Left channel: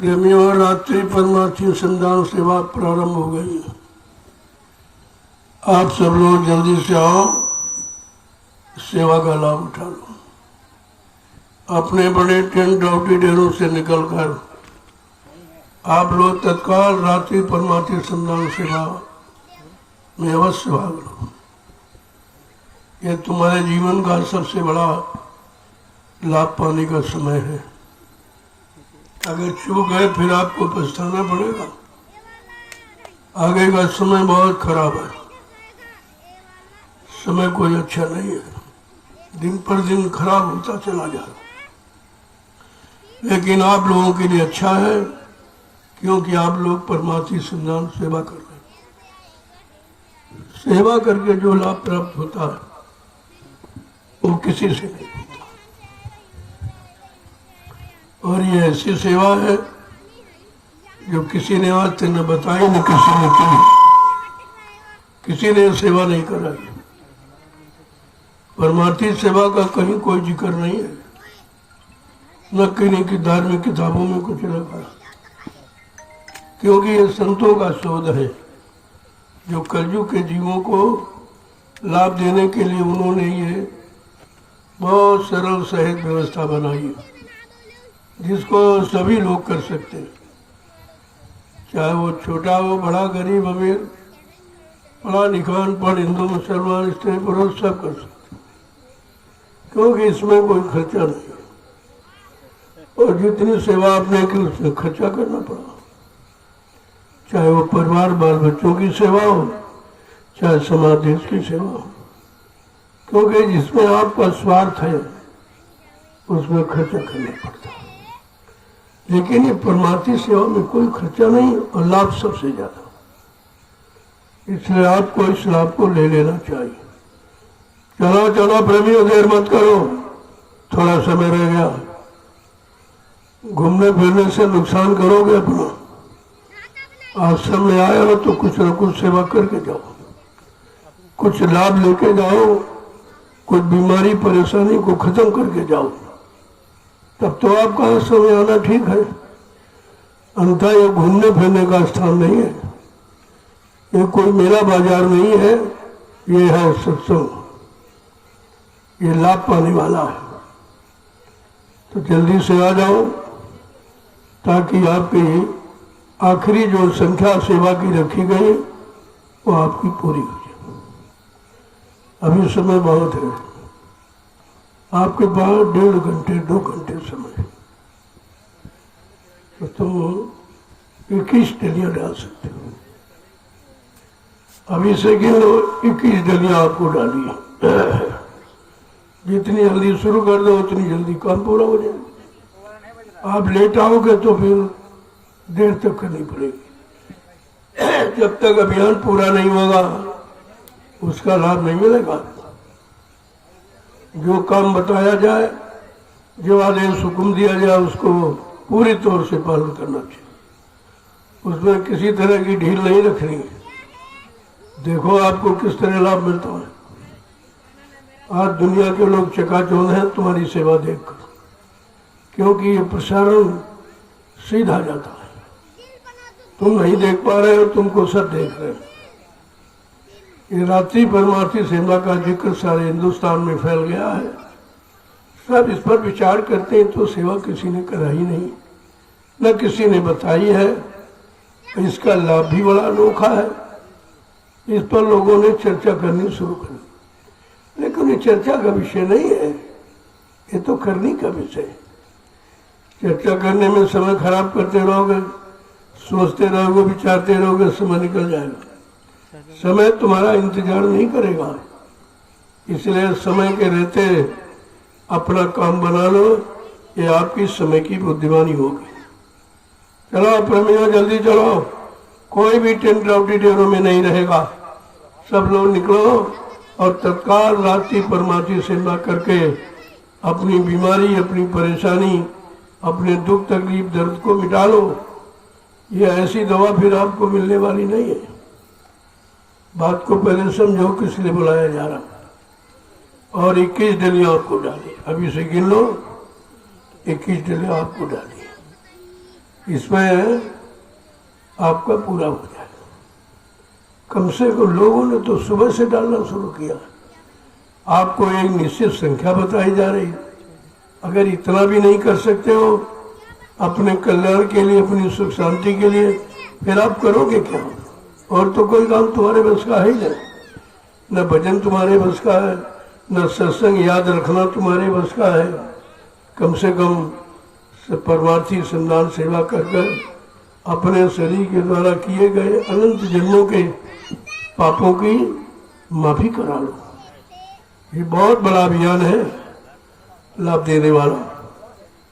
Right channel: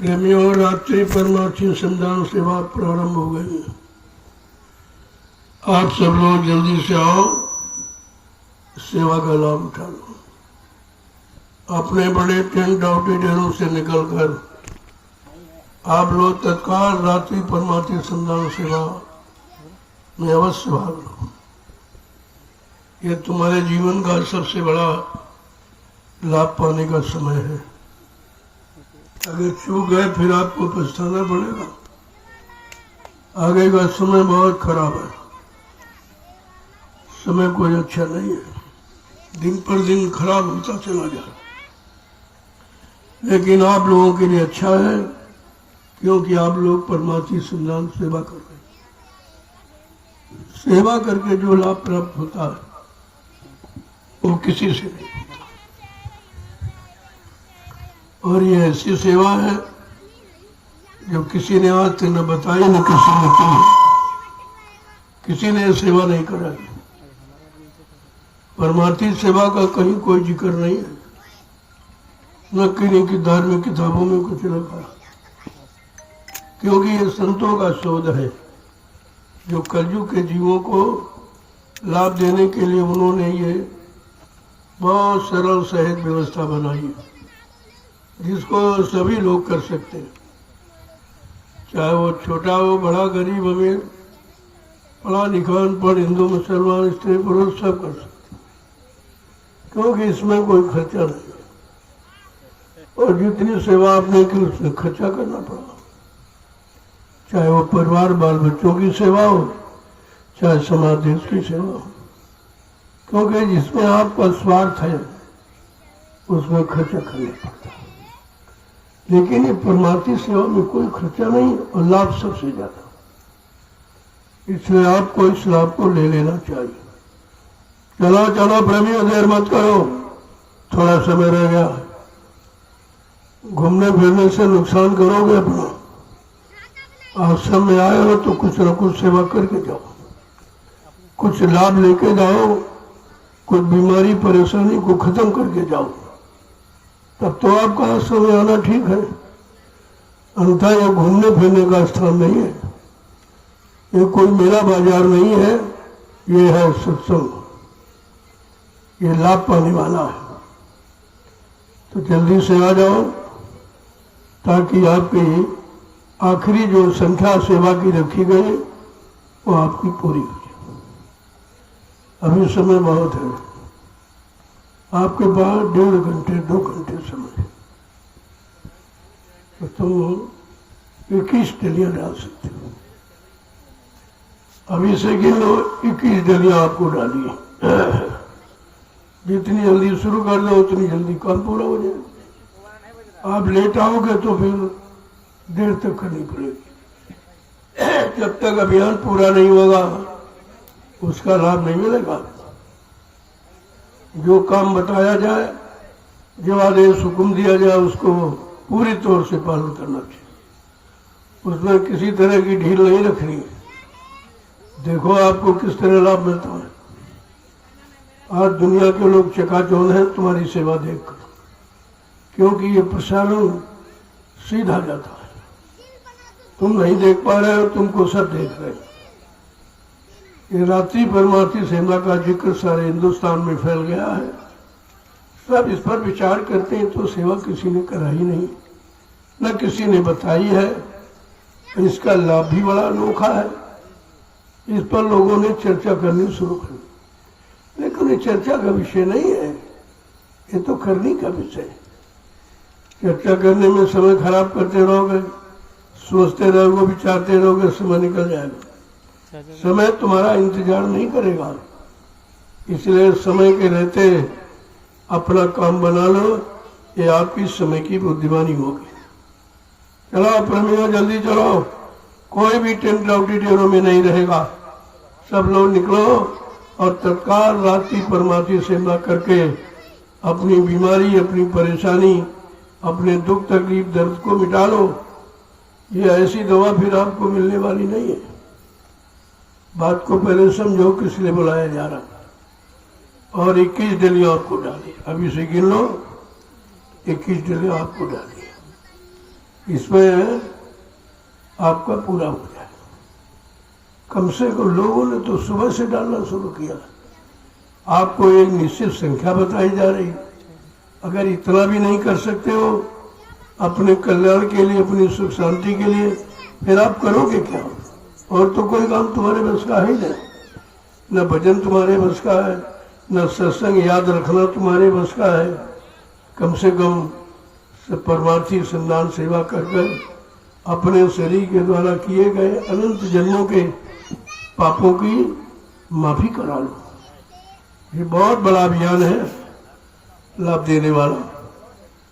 प्रेमियों, रात्रि परमार्थी संधान सेवा प्रारंभ हो गई है। आप सब लोग जल्दी से आओ, सेवा का लाभ उठा लो। अपने बड़े टेंट ऑडिटोरियम से निकलकर आप लोग तत्काल रात्रि परमार्थी संधान सेवा में अवश्य भाग लो। ये तुम्हारे जीवन का सबसे बड़ा लाभ पाने का समय है। अगर चूक गए फिर आपको पछताना पड़ेगा। आगे का समय बहुत खराब है, समय कोई अच्छा नहीं है, दिन पर दिन खराब होता चला जा रहा। लेकिन आप लोगों के लिए अच्छा है, क्योंकि आप लोग परमार्थी संधान सेवा कर रहे हैं। सेवा करके जो लाभ प्राप्त होता है वो किसी से नहीं होता। और ये ऐसी सेवा है जो किसी ने आज तक न बताई, न किसी ने की, किसी ने सेवा नहीं कराई। परमार्थी सेवा का कहीं कोई जिक्र नहीं है, न किन्हीं की धार्मिक किताबों में कुछ लिखा, क्योंकि ये संतों का शोध है जो कलयुग के जीवों को लाभ देने के लिए उन्होंने ये बहुत सरल सहज व्यवस्था बनाई है, जिसको सभी लोग कर सकते हैं, चाहे वो छोटा हो, बड़ा, गरीब, अमीर, पढ़ा लिखा, अनपढ़, हिंदू, मुसलमान, स्त्री, पुरुष, सब कर सकते हैं, क्योंकि इसमें कोई खर्चा नहीं है। और जितनी सेवा आपने की उसमें खर्चा करना पड़ा, चाहे वो परिवार बाल बच्चों की सेवा हो, चाहे समाज देश की सेवा हो, क्योंकि जिसमें आपका स्वार्थ है उसमें खर्चा करना पड़ता है। लेकिन ये परमार्थी सेवा में कोई खर्चा नहीं और लाभ सबसे ज्यादा, इसलिए आपको इस लाभ को ले लेना चाहिए। चलो चलो प्रेमियों, देर मत करो, थोड़ा समय रह गया। घूमने फिरने से नुकसान करोगे अपना। आश्रम में आए हो तो कुछ न कुछ सेवा करके जाओ, कुछ लाभ लेके जाओ, कुछ बीमारी परेशानी को खत्म करके जाओ, तब तो आपका आश्रम में आना ठीक है। अन्यथा यह घूमने फिरने का स्थान नहीं है, ये कोई मेला बाजार नहीं है, ये है सत्संग, ये लाभ पाने वाला है। तो जल्दी से आ जाओ ताकि आपकी आखिरी जो संख्या सेवा की रखी गई वो आपकी पूरी हो जाए। अभी समय बहुत है, आपके पास 1.5 घंटे 2 घंटे समय, तो तुम 21 डलियां डाल सकते हो। अभी से गिन लो, 21 डलियां आपको डाली है। जितनी जल्दी शुरू कर दो उतनी जल्दी काम पूरा हो जाएगा। आप लेट आओगे तो फिर देर तक करनी पड़ेगी। जब तक अभियान पूरा नहीं होगा उसका लाभ नहीं मिलेगा। जो काम बताया जाए, जो आदेश हुक्म दिया जाए, उसको पूरी तौर से पालन करना चाहिए। उसमें किसी तरह की ढील नहीं रखनी है। देखो आपको किस तरह लाभ मिलता है। आज दुनिया के लोग चकाचौंध हैं तुम्हारी सेवा देखकर, क्योंकि ये प्रसारण सीधा जाता है। तुम नहीं देख पा रहे हो, तुमको सब देख रहे हैं। ये रात्रि परमार्थी सेवा का जिक्र सारे हिंदुस्तान में फैल गया है। सब इस पर विचार करते हैं तो सेवा किसी ने कराई नहीं, न किसी ने बताई है। इसका लाभ भी बड़ा अनोखा है। इस पर लोगों ने चर्चा करनी शुरू कर दी, लेकिन ये चर्चा का विषय नहीं है, ये तो करने का विषय है। चर्चा करने में समय खराब करते रहोगे, सोचते रहोगे, विचारते रहोगे, समय निकल जाएगा। समय तुम्हारा इंतजार नहीं करेगा, इसलिए समय के रहते अपना काम बना लो, ये आपकी समय की बुद्धिमानी होगी। चलो प्रेमियों, जल्दी चलो, कोई भी टेंट ऑडिटोरियम में नहीं रहेगा। सब लोग निकलो और तत्काल रात्रि परमार्थी सेवा करके अपनी बीमारी, अपनी परेशानी, अपने दुख तकलीफ दर्द को मिटा लो। ये ऐसी दवा फिर आपको मिलने वाली नहीं है। बात को पहले समझो किस लिए बुलाया जा रहा। और 21 डलियां आपको डाली, अभी से गिन लो, 21 डलियां आपको डाली। इसमें आपका पूरा हो जाए। कम से कम लोगों ने तो सुबह से डालना शुरू किया। आपको एक निश्चित संख्या बताई जा रही। अगर इतना भी नहीं कर सकते हो अपने कल्याण के लिए, अपनी सुख शांति के लिए, फिर आप करोगे क्या? और तो कोई काम तुम्हारे बस का है ही नहीं। न भजन तुम्हारे बस का है, न सत्संग याद रखना तुम्हारे बस का है। कम से कम परमार्थी संदान सेवा कर अपने शरीर के द्वारा किए गए अनंत जन्मों के पापों की माफी करा लो। ये बहुत बड़ा अभियान है, लाभ देने वाला।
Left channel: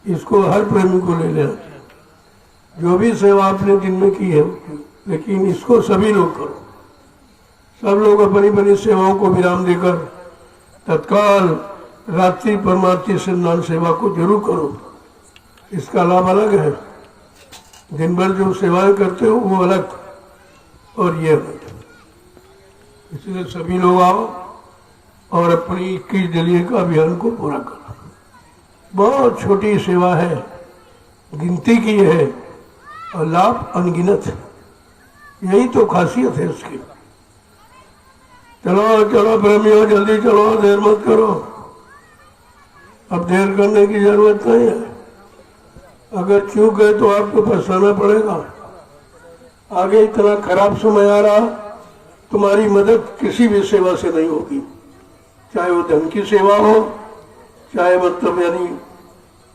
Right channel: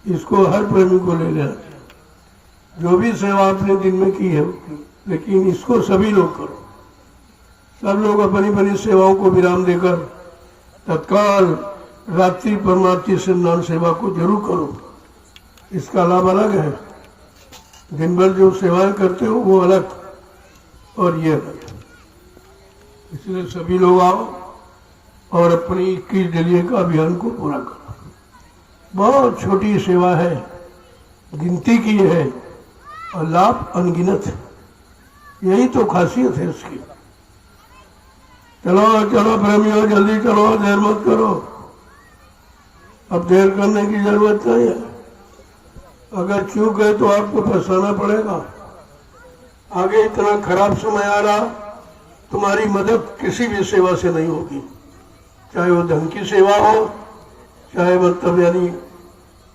इसको हर प्रेमी को ले लेना चाहिए। जो भी सेवा आपने दिन में की है, लेकिन इसको सभी लोग करो। सब लोग अपनी अपनी सेवाओं को विराम देकर तत्काल रात्रि परमार्थी संदान सेवा को जरूर करो। इसका लाभ अलग है। दिन भर जो सेवाएं करते हो वो अलग और ये अलग। इसलिए सभी लोग आओ और अपनी 21 दिलिये का अभियान को पूरा करो। बहुत छोटी सेवा है, गिनती की है और लाभ अनगिनत है। यही तो खासियत है इसकी। चलो चलो प्रेमियों, जल्दी चलो, देर मत करो। अब देर करने की जरूरत नहीं है। अगर चूक गए तो आपको पछताना पड़ेगा। आगे इतना खराब समय आ रहा, तुम्हारी मदद किसी भी सेवा से नहीं होगी। चाहे वो धन की सेवा हो, चाहे मतलब यानी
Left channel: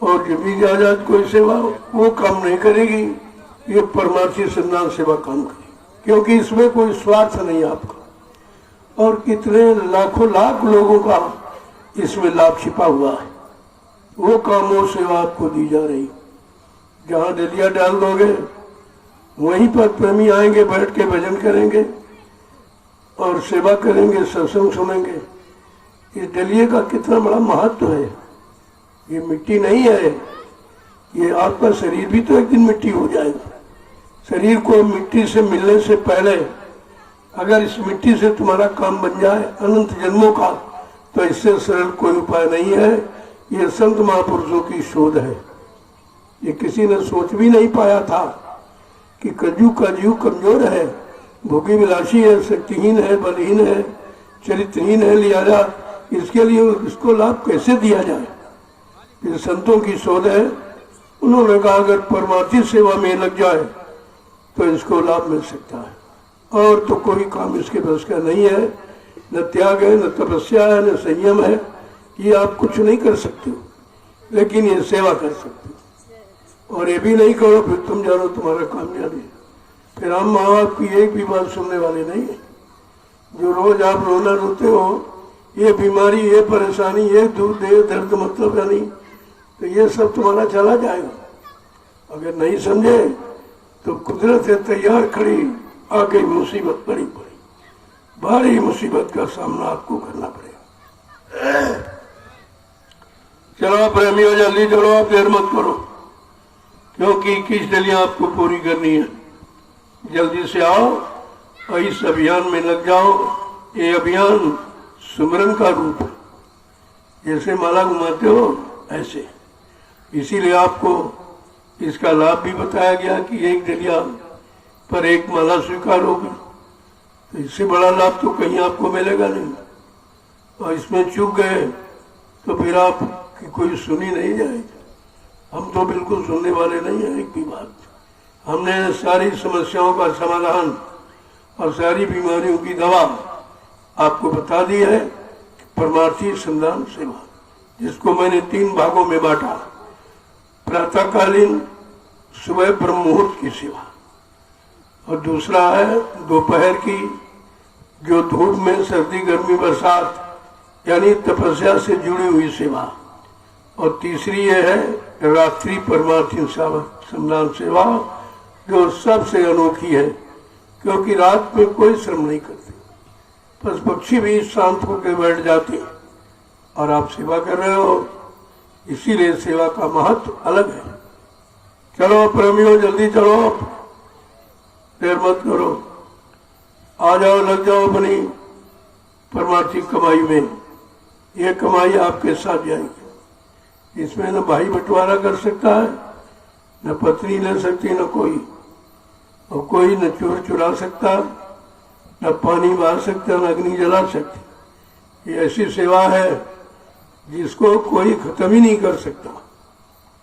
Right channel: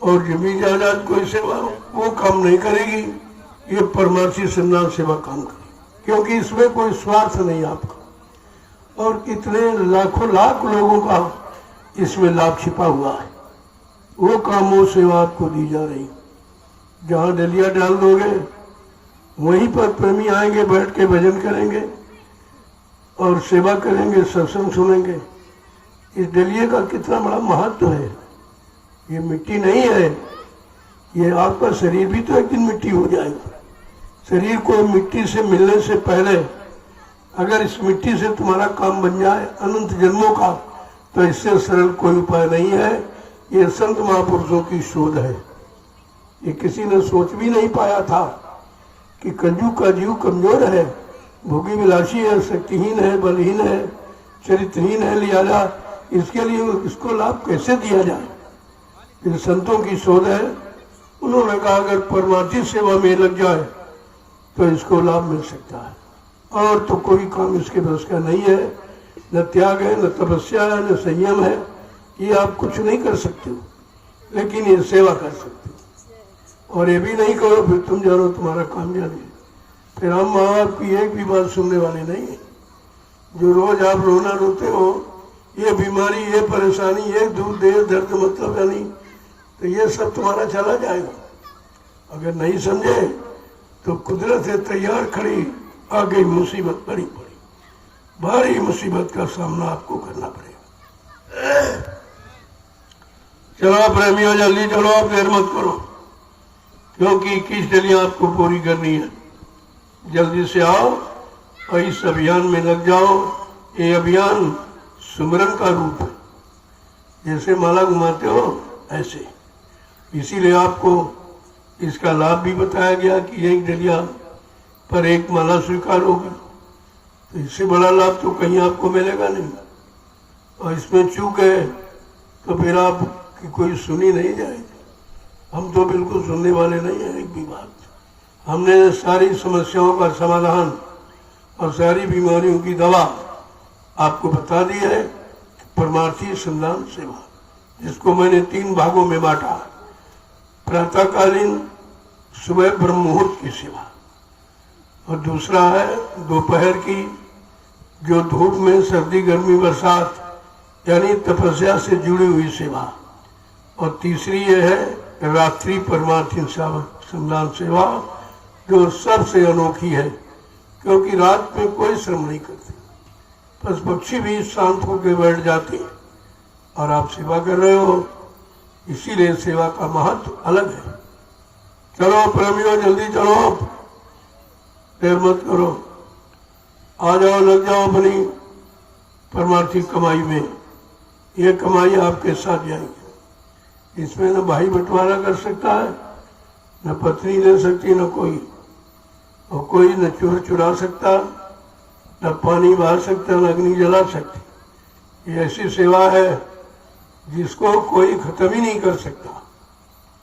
और जमीन जायदाद कोई सेवा हो, वो काम नहीं करेगी। ये परमार्थी संदान सेवा काम करेगी, क्योंकि इसमें कोई स्वार्थ नहीं आपका। और कितने लाखों लाख लोगों का इसमें लाभ छिपा हुआ है। वो काम, वो सेवा आपको दी जा रही। जहाँ डलिया डाल दोगे वहीं पर प्रेमी आएंगे, बैठ के भजन करेंगे और सेवा करेंगे, सत्संग सुनेंगे। इस डलिये का कितना बड़ा महत्व है। ये मिट्टी नहीं है, ये आपका शरीर भी तो एक दिन मिट्टी हो जाएगा। शरीर को मिट्टी से मिलने से पहले अगर इस मिट्टी से तुम्हारा काम बन जाए अनंत जन्मों का, तो इससे सरल कोई उपाय नहीं है। ये संत महापुरुषों की शोध है। ये किसी ने सोच भी नहीं पाया था कि कलयुग का जीव कमजोर है, भोगी विलासी है, शक्तिहीन है, बलहीन है, चरित्रहीन है, लिहाजा इसके लिए इसको लाभ कैसे दिया जाए। ये संतों की शोध है। उन्होंने कहा अगर परमार्थी सेवा में लग जाए तो इसको लाभ मिल सकता है। और तो कोई काम इसके बस का नहीं है। न त्याग है, न तपस्या है, न संयम है। ये आप कुछ नहीं कर सकते हो, लेकिन ये सेवा कर सकते हो। और ये भी नहीं करो फिर तुम जानो तुम्हारा कामयाबी। फिर हम माँ बाप की एक भी बात सुनने वाले नहीं है। जो रोज आप रोना रोते हो, ये बीमारी, ये परेशानी, ये दूध, ये दर्द, मतलब यानी तो ये सब तुम्हारा चला जाएगा। अगर नहीं समझे तो कुदरत है तैयार खड़ी, आ गई मुसीबत, बड़ी बड़ी भारी मुसीबत का सामना आपको करना पड़ेगा। चलो प्रेमियों, जल्दी चलो, देर मत करो, क्योंकि 21 दिलियां आपको पूरी करनी है। जल्दी से आओ और इस अभियान में लग जाओ। ये अभियान सुमरन का रूप है। जैसे माला घुमाते हो ऐसे, इसीलिए आपको इसका लाभ भी बताया गया कि एक डलिया पर एक माला स्वीकार होगी। तो इससे बड़ा लाभ तो कहीं आपको मिलेगा नहीं। और इसमें चूक गए तो फिर आप की कोई सुनी नहीं जाएगी। हम तो बिल्कुल सुनने वाले नहीं है एक भी बात। हमने सारी समस्याओं का समाधान और सारी बीमारियों की दवा आपको बता दी है। परमार्थी संदान सेवा, जिसको मैंने 3 भागों में बांटा। प्रातःकालीन सुबह ब्रह्म मुहूर्त की सेवा, और दूसरा है दोपहर की, जो धूप में सर्दी गर्मी बरसात यानी तपस्या से जुड़ी हुई सेवा, और तीसरी ये है रात्रि परमार्थी संदान सेवा, जो सबसे अनोखी है, क्योंकि रात में कोई श्रम नहीं करती। बस पक्षी भी शांत होकर बैठ जाते हैं और आप सेवा कर रहे हो। इसीलिए सेवा का महत्व अलग है। चलो प्रेमियों, जल्दी चलो, देर मत करो, आ जाओ, लग जाओ अपनी परमार्थी कमाई में। ये कमाई आपके साथ जाएगी। इसमें न भाई बंटवारा कर सकता है, न पत्नी ले सकती न कोई, और कोई न चोर चुरा सकता, न पानी मार सकता, न अग्नि जला सकती। ये ऐसी सेवा है जिसको कोई खत्म ही नहीं कर सकता।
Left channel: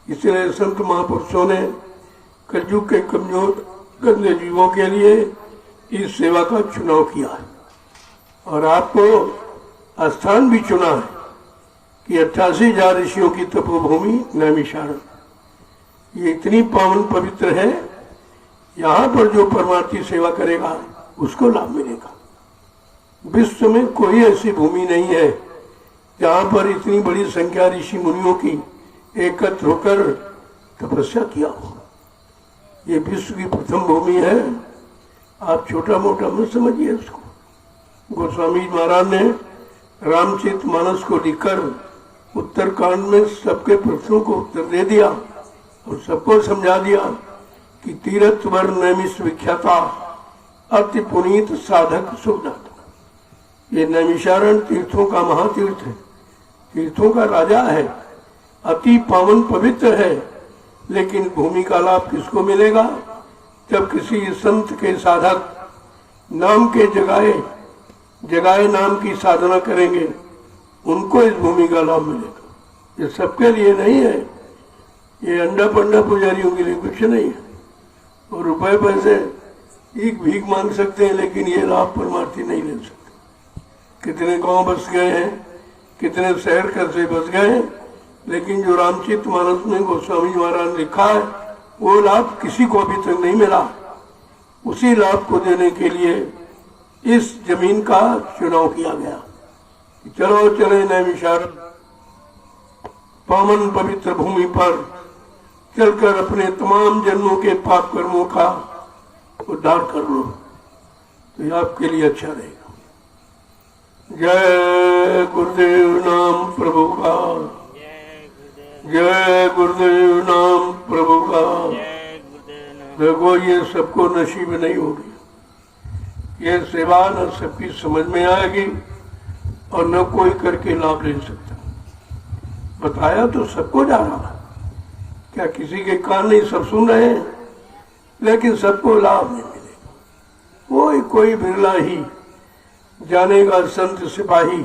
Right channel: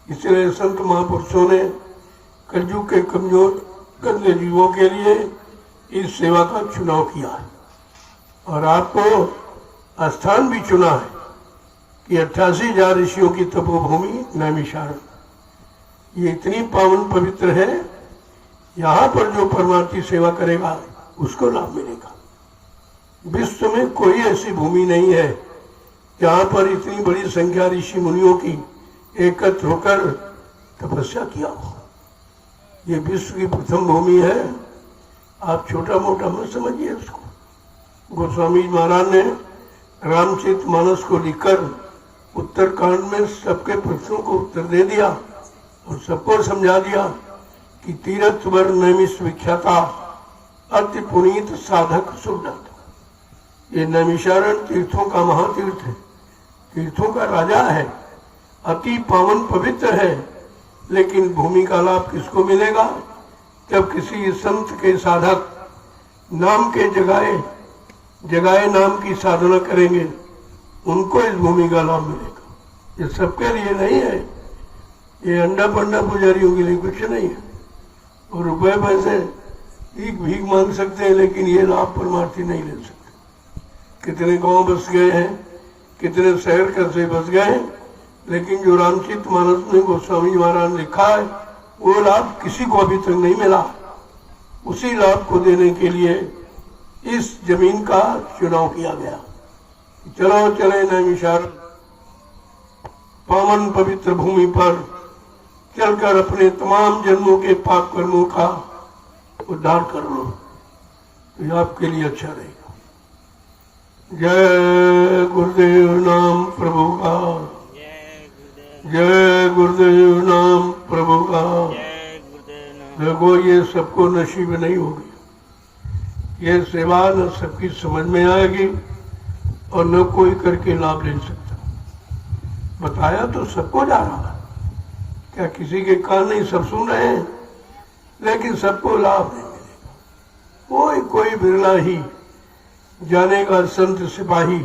इसलिए संत महापुरुषों ने कलयुग के कमजोर गंदे जीवों के लिए इस सेवा का चुनाव किया है, और आपको स्थान भी चुना है कि 88,000 ऋषियों की तपोभूमि नैमिषारण्य, ये इतनी पावन पवित्र है, यहाँ पर जो परमार्थी सेवा करेगा उसको लाभ मिलेगा। विश्व में कोई ऐसी भूमि नहीं है जहाँ पर इतनी बड़ी संख्या ऋषि मुनियों की एकत्र होकर तपस्या किया हो। ये विश्व की प्रथम भूमि है, आप छोटा मोटा मत समझिए इसको। गोस्वामी महाराज ने रामचरितमानस को लिखकर उत्तरकांड में सबके प्रश्नों को उत्तर दे दिया और सबको समझा दिया कि तीर्थ वर नैमिष विख्याता अति पुनीत साधक सुरनाथ। ये नैमिषारण्य तीर्थों का महातीर्थ है, तीर्थों का राजा है, अति पावन पवित्र है। लेकिन भूमि का लाभ किसको मिलेगा? जब किसी संत के साधक नाम के जगाए नाम की साधना करेंगे, उनको इस भूमि का लाभ मिलेगा। ये सबके लिए नहीं है, ये अंडा पंडा पुजारियों के लिए कुछ नहीं है। और रुपए पैसे एक भीख मांग सकते हैं, लेकिन ये लाभ परमार्थी नहीं ले सकते। कितने गांव बस गए हैं, कितने शहर कस्बे बस गए, लेकिन जो रामचरितमानस में गोस्वामी महाराज ने लिखा है वो लाभ किसी को अभी तक नहीं मिला। उसी लाभ को देने के लिए इस जमीन का चुनाव किया गया। चलो चले नैमिषारण्य पावन पवित्र भूमि पर चलकर अपने तमाम जन्मों के पाप कर्मों का उद्धार कर लो, तो ये आपके लिए अच्छा रहेगा। जय गुरुदेव नाम प्रभु का, जय गुरुदेव नाम प्रभु का। देखो ये सबको नसीब नहीं होगी, ये सेवा न सबकी समझ में आएगी और न कोई करके लाभ ले सकता। बताया तो सबको जा रहा, क्या किसी के कान नहीं, सब सुन रहे हैं, लेकिन सबको लाभ नहीं मिलेगा। कोई बिरला ही जानेगा संत सिपाही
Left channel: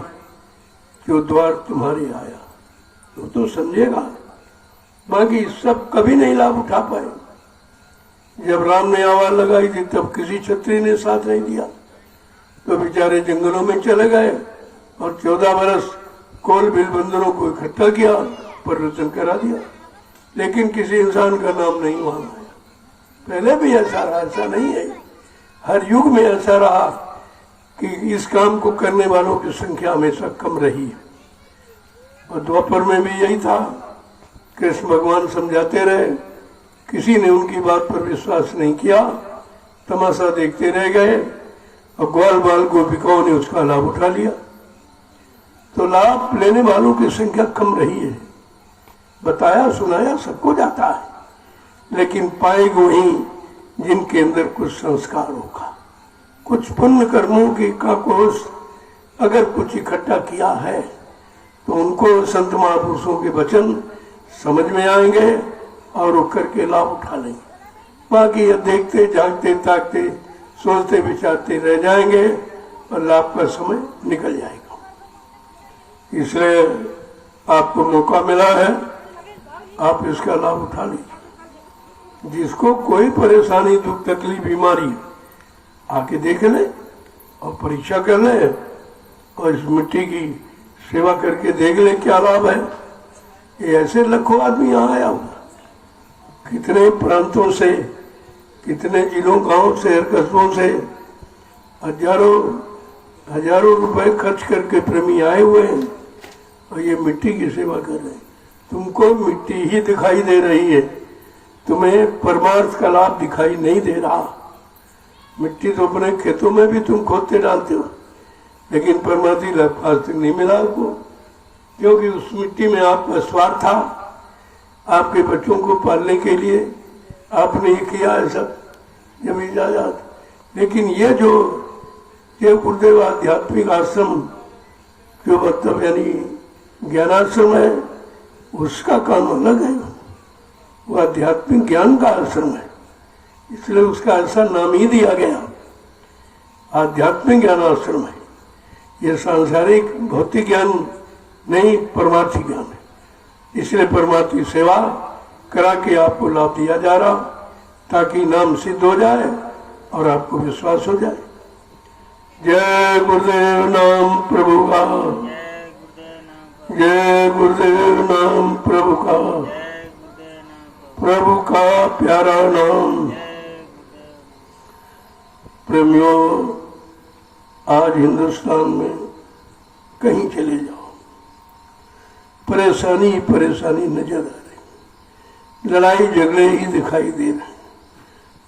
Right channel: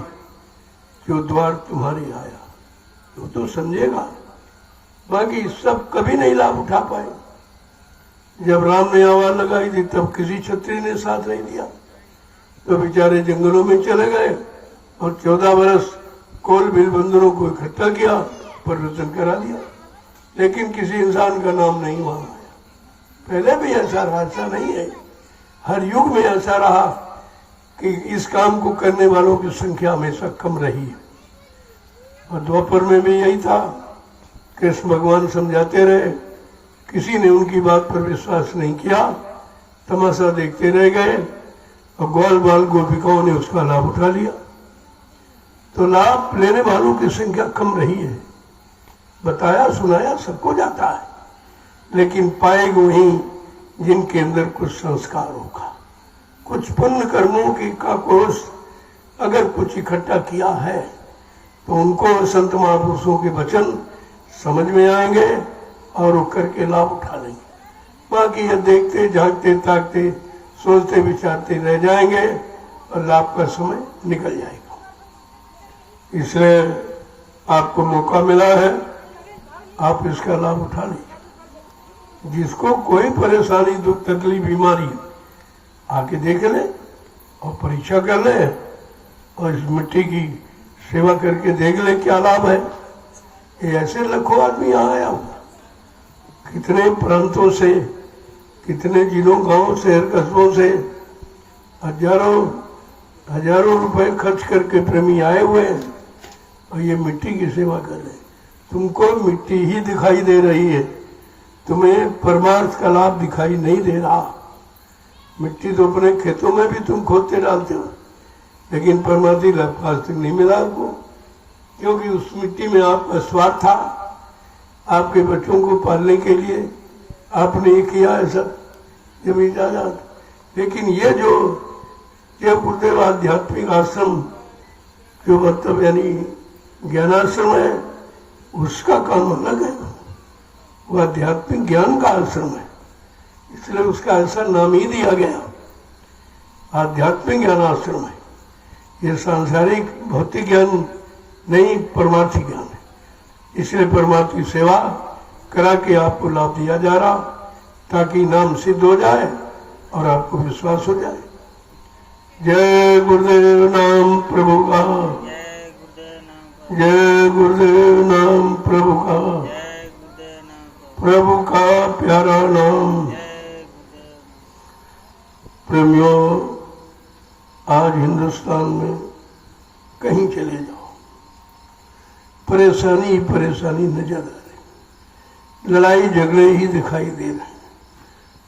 जो द्वार तुम्हारे आया, तो समझेगा, बाकी सब कभी नहीं लाभ उठा पाए। जब राम ने आवाज लगाई थी तब किसी छत्री ने साथ नहीं दिया, तो बेचारे जंगलों में चले गए और 14 बरस कोल बिल बंदरों को इकट्ठा किया, परिवर्तन करा दिया, लेकिन किसी इंसान का नाम नहीं वहां आया। पहले भी ऐसा रहा, ऐसा नहीं है, हर युग में ऐसा रहा कि इस काम को करने वालों की संख्या हमेशा कम रही है। और द्वापर में भी यही था, कृष्ण भगवान समझाते रहे, किसी ने उनकी बात पर विश्वास नहीं किया, तमाशा देखते रह गए और ग्वाल बाल गोपिकाओं ने उसका लाभ उठा लिया। तो लाभ लेने वालों की संख्या कम रही है। बताया सुनाया सबको जाता है, लेकिन पाएगा वही जिनके अंदर कुछ संस्कार होगा, कुछ पुण्य कर्मों की का कोष अगर कुछ इकट्ठा किया है, तो उनको संत महापुरुषों के वचन समझ में आएंगे और वो करके लाभ उठा लेंगे। बाकी ये देखते झांकते ताकते सोचते विचारते रह जाएंगे और लाभ का समय निकल जाएगा। इसलिए आपको मौका मिला है, आप इसका लाभ उठा लीजिए। जिसको कोई परेशानी दुख तकलीफ बीमारी आके देख ले और परीक्षा कर ले और इस मिट्टी की सेवा करके देख ले क्या लाभ है। ये ऐसे लाखों आदमी यहाँ आया हुआ, कितने प्रांतों से, कितने जिलों गांव शहर कस्बों से हजारों रुपए खर्च करके प्रेमी आए हुए हैं और ये मिट्टी की सेवा कर रहे हैं। तुमको मिट्टी ही दिखाई दे रही है, तुम्हें परमार्थ का लाभ दिखाई नहीं दे रहा। मिट्टी तो अपने खेतों में भी तुम खोदते डालते हो, लेकिन परमार्थी लाभ आज तक नहीं मिला आपको, क्योंकि उस मिट्टी में आपका स्वार्थ था। आपके बच्चों को पालने के लिए आपने ये किया है सब जब इजाजत। लेकिन ये जो ये गुरुदेव आध्यात्मिक आश्रम जो मतलब यानी ज्ञानाश्रम है, उसका काम अलग है। वो आध्यात्मिक ज्ञान का आश्रम है, इसलिए उसका ऐसा नाम ही दिया गया, आध्यात्मिक ज्ञान आश्रम है। ये सांसारिक भौतिक ज्ञान नहीं, परमार्थी ज्ञान है। इसलिए परमार्थी सेवा करा के आपको लाभ दिया जा रहा, ताकि नाम सिद्ध हो जाए और आपको विश्वास हो जाए। जय गुरुदेव नाम प्रभु का, जय गुरुदेव नाम प्रभु का, प्रभु का प्यारा नाम। प्रेमियों, आज हिंदुस्तान में कहीं चले जाओ, परेशानी ही परेशानी नजर आ रही, लड़ाई झगड़े ही दिखाई दे रहे,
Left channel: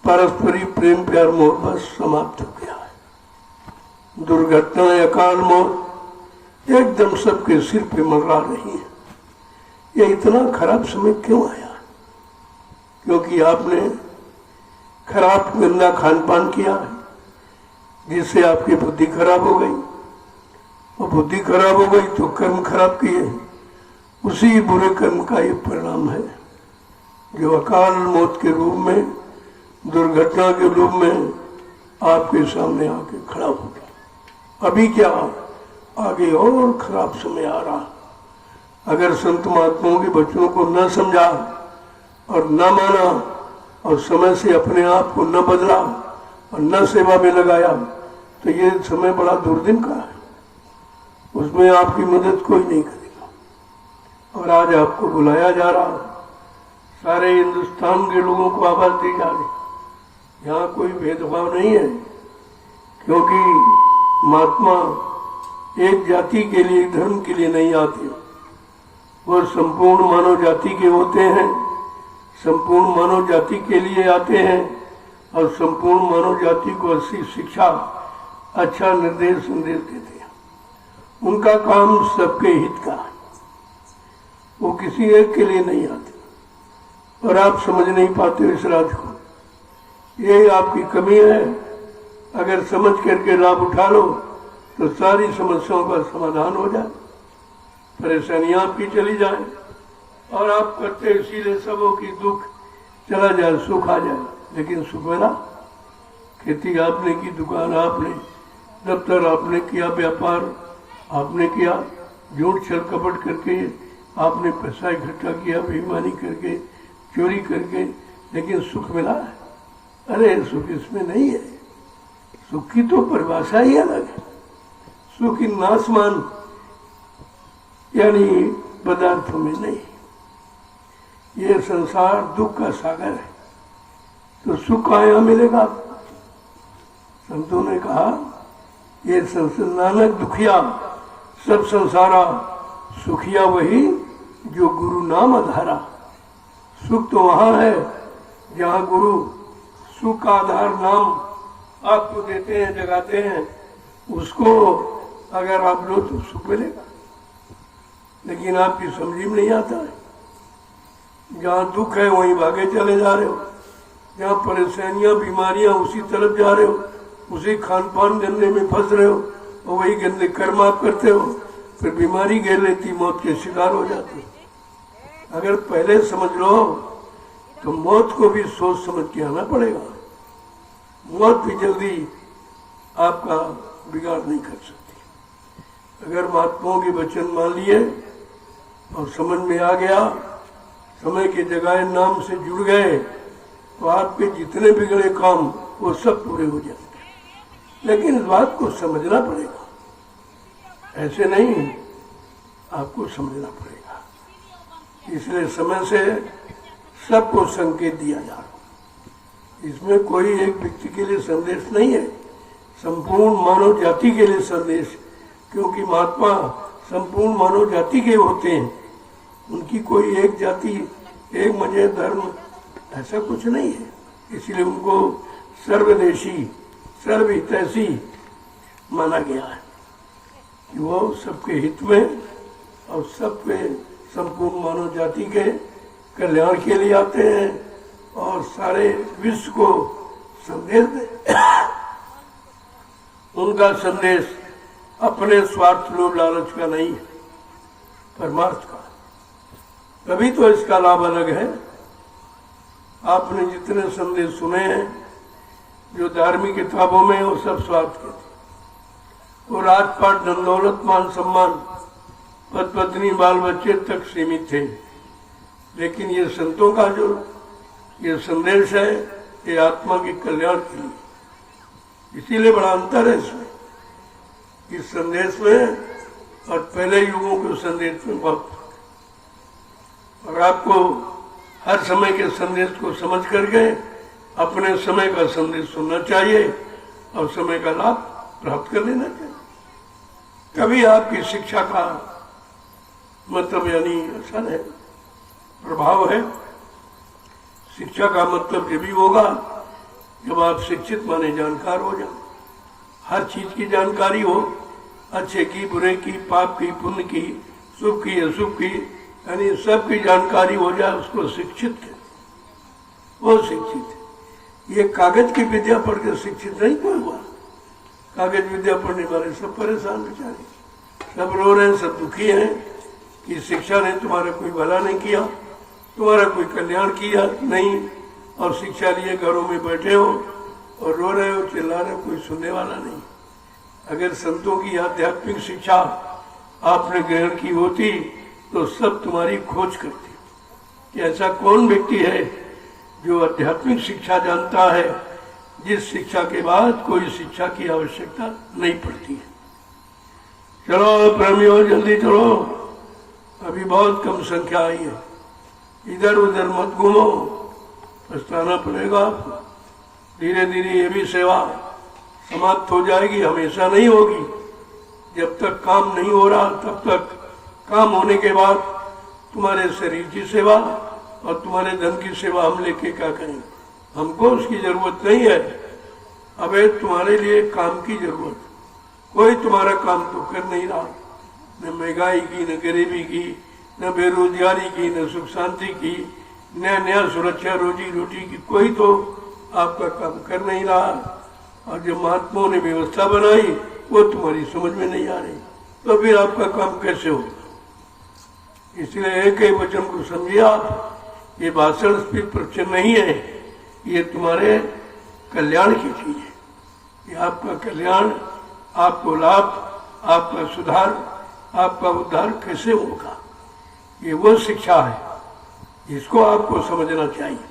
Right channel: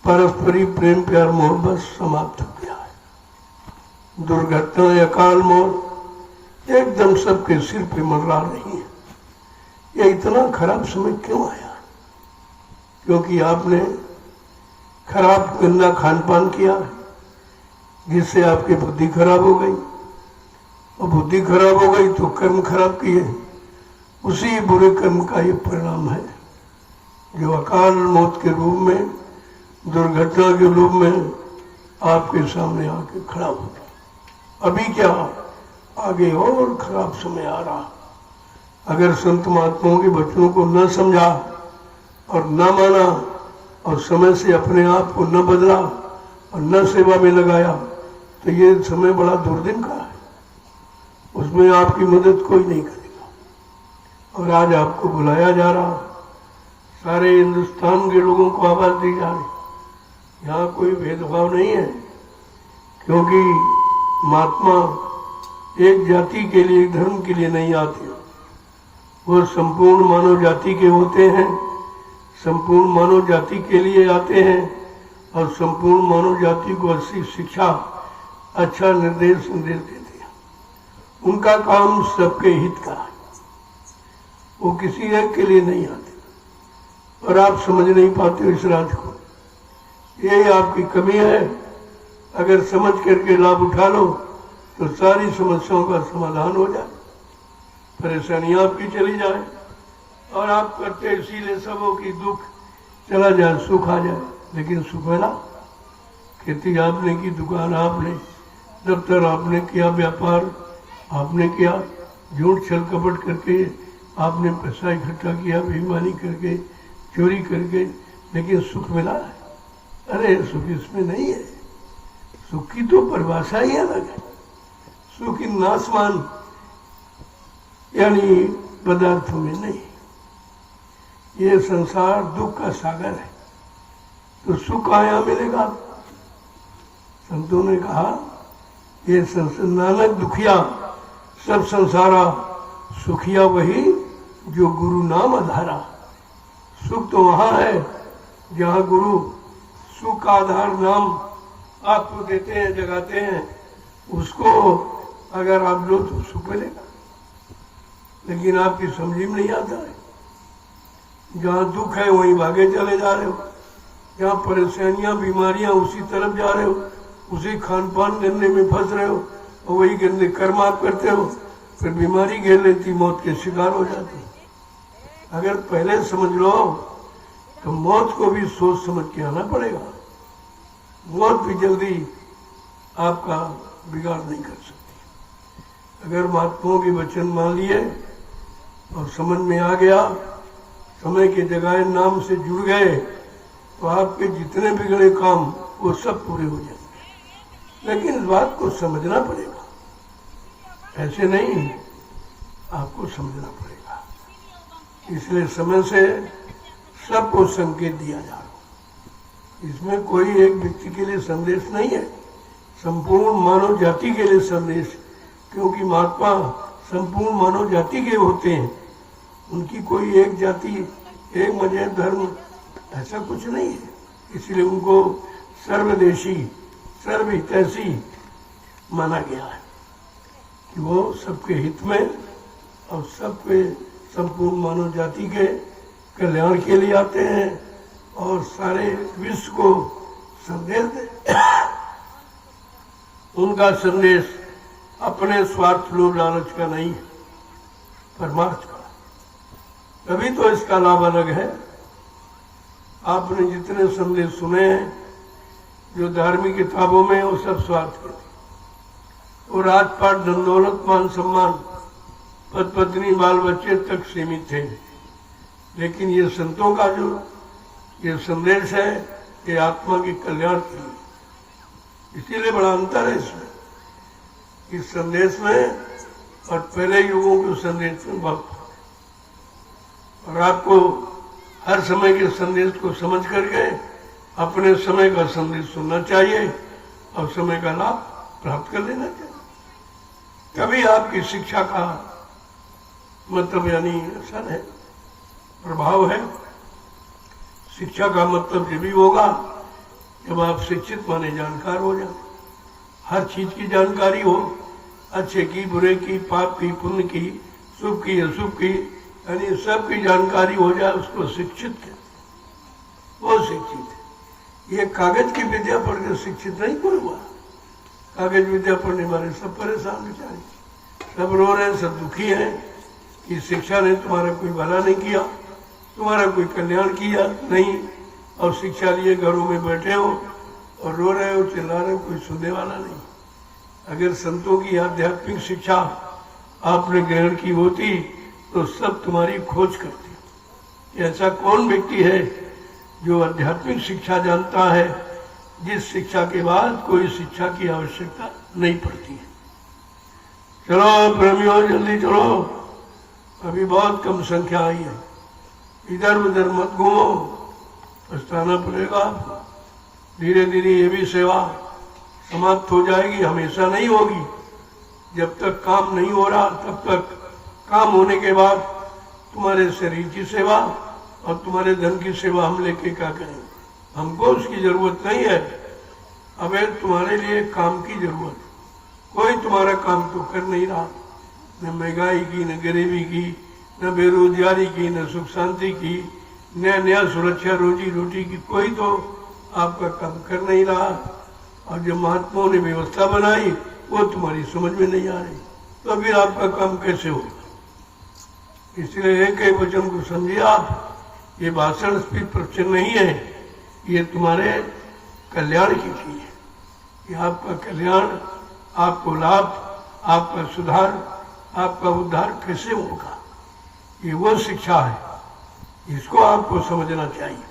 पारस्परिक प्रेम प्यार मोहब्बत समाप्त हो गया है। दुर्घटना अकाल मौत एकदम सबके सिर पे मंडरा रही है। ये इतना खराब समय क्यों आया? क्योंकि आपने खराब गंदा खान पान किया है, जिससे आपकी बुद्धि खराब हो गई, और बुद्धि खराब हो गई तो कर्म खराब किए। उसी बुरे कर्म का ये परिणाम है जो अकाल मौत के रूप में, दुर्घटना के रूप में आपके सामने आके खड़ा हो गया। अभी क्या, आगे और खराब समय आ रहा। अगर संत महात्माओं के वचनों को न समझा और न माना और समय से अपने आप को न बदला और न सेवा में लगाया, तो ये समय बड़ा दुर्दिन का है, उसमें आपकी मदद कोई नहीं करेगा। और आज आपको बुलाया जा रहा, सारे हिंदुस्तान के लोगों को आवाज दी जा रही। यहाँ कोई भेदभाव नहीं है, क्योंकि महात्मा एक जाति के लिए, धर्म के लिए नहीं आते, वो संपूर्ण मानव जाति के होते हैं, संपूर्ण मानव जाति के लिए आते हैं और संपूर्ण मानव जाति को अच्छी शिक्षा, अच्छा निर्देश संदेश देते हैं। उनका काम सबके हित का है, वो किसी एक के लिए नहीं आते। और आप समझ नहीं पाते हो इस राज को, ये आपकी कमी है। अगर समझ करके लाभ उठा लो तो सारी समस्याओं का समाधान हो जाए, परेशानियां आपकी चली जाए, और आप करते इसीलिए सबों की दुख चला जाए, सुख आ जाए। लेकिन सुख मिला, खेती आपने की, दुकान आपने, दफ्तर आपने किया, व्यापार आपने किया, झूठ छल कपट करके आपने पैसा इकट्ठा किया, बेईमानी करके, चोरी करके, लेकिन सुख मिला है? अरे सुख इसमें नहीं है। सुख की तो परिभाषा ही अलग है। सुख इन नासमान यानी पदार्थों में नहीं। ये संसार दुख का सागर है, तो सुख कहाँ मिलेगा? संतों ने कहा, ये नानक दुखिया सब संसारा, सुखिया वही जो गुरु नाम आधारा। सुख तो वहां है जहाँ गुरु सुख का आधार नाम आपको देते हैं, जगाते हैं, उसको अगर आप लो तो सुख मिलेगा। लेकिन आपकी समझ में नहीं आता है, जहाँ दुख है वहीं भागे चले जा रहे हो, जहाँ परेशानियां बीमारियां उसी तरफ जा रहे हो, उसी खान पान गंदे में फंस रहे हो, और वही गंदे कर्म आप करते हो, फिर बीमारी घेर लेती, मौत के शिकार हो जाते। अगर पहले समझ लो तो मौत को भी सोच समझ के आना पड़ेगा। मौत भी जल्दी आपका बिगाड़ नहीं कर सकती। अगर महात्माओं के वचन मान लिए और समझ में आ गया, समय के जगह नाम से जुड़ गए, तो आपके जितने बिगड़े काम वो सब पूरे हो जाएंगे। लेकिन इस बात को समझना पड़ेगा, ऐसे नहीं, आपको समझना पड़ेगा। इसलिए समय से सबको संकेत दिया जा रहा। इसमें कोई एक व्यक्ति के लिए संदेश नहीं है, संपूर्ण मानव जाति के लिए संदेश, क्योंकि महात्मा संपूर्ण मानव जाति के होते हैं। उनकी कोई एक जाति, एक मजहब, धर्म ऐसा कुछ नहीं है। इसलिए उनको सर्वदेशी, सर्वहितैषी माना गया है कि वो सबके हित में और सबके संपूर्ण मानव जाति के कल्याण के लिए आते हैं और सारे विश्व को संदेश दे। उनका संदेश अपने स्वार्थ लोभ लालच का नहीं है, परमार्थ का। तभी तो इसका लाभ अलग है। आपने जितने संदेश सुने हैं जो धार्मिक किताबों में, वो सब स्वार्थ के थे। वो राजपाट, धन दौलत, मान सम्मान, पद पत्नी, बाल बच्चे तक सीमित थे। लेकिन ये संतों का जो ये संदेश है, ये आत्मा के कल्याण के लिए, इसीलिए बड़ा अंतर है इसमें, इस संदेश में और पहले युगों के संदेश में बहुत। और आपको हर समय के संदेश को समझ करके अपने समय का संदेश सुनना चाहिए और समय का लाभ प्राप्त कर लेना चाहिए। कभी आपकी शिक्षा का मतलब यानी असर है, प्रभाव है। शिक्षा का मतलब ये भी होगा जब आप शिक्षित माने जानकार हो जाए, हर चीज की जानकारी हो, अच्छे की, बुरे की, पाप की, पुण्य की, शुभ की, अशुभ की, यानी सब की जानकारी हो जाए, उसको शिक्षित है, वो शिक्षित है। ये कागज की विद्या पढ़ के शिक्षित नहीं कोई हुआ। कागज विद्या पढ़ने वाले सब परेशान बेचारे, सब रो रहे हैं, सब दुखी हैं कि शिक्षा ने तुम्हारा कोई भला नहीं किया, तुम्हारा कोई कल्याण किया नहीं, और शिक्षा लिए घरों में बैठे हो और रो रहे हो, चिल्ला रहे हो, कोई सुनने वाला नहीं। अगर संतों की आध्यात्मिक शिक्षा आपने ग्रहण की होती तो सब तुम्हारी खोज करते कि ऐसा कौन व्यक्ति है जो आध्यात्मिक शिक्षा जानता है, जिस शिक्षा के बाद कोई शिक्षा की आवश्यकता नहीं पड़ती है। चलो प्रेमियों, जल्दी चलो, अभी बहुत कम संख्या आई है, इधर उधर मत घूमो, पछताना पड़ेगा आपको। धीरे धीरे ये भी सेवा समाप्त हो जाएगी, हमेशा नहीं होगी। जब तक काम नहीं हो रहा तब तक काम होने के बाद तुम्हारे शरीर की सेवा और तुम्हारे धन की सेवा हम लेके क्या करेंगे? हमको उसकी जरूरत नहीं है। अबे तुम्हारे लिए काम की जरूरत, कोई तुम्हारा काम तो कर नहीं रहा, न महंगाई की, न गरीबी की, न बेरोजगारी की, न सुख शांति की, नया नया सुरक्षा रोजी रोटी की, कोई तो आपका काम कर नहीं रहा। और जो महात्माओं ने व्यवस्था बनाई वो तुम्हारी समझ में नहीं आ रही, तो फिर आपका काम कैसे होगा? इसलिए एक एक वचन को समझिए आप, ये भाषण स्पीच प्रवचन नहीं है, ये तुम्हारे कल्याण की चीज है। ये आपका कल्याण, आपको लाभ, आपका सुधार, आपका उद्धार कैसे होगा, ये वो शिक्षा है, इसको आपको समझना चाहिए।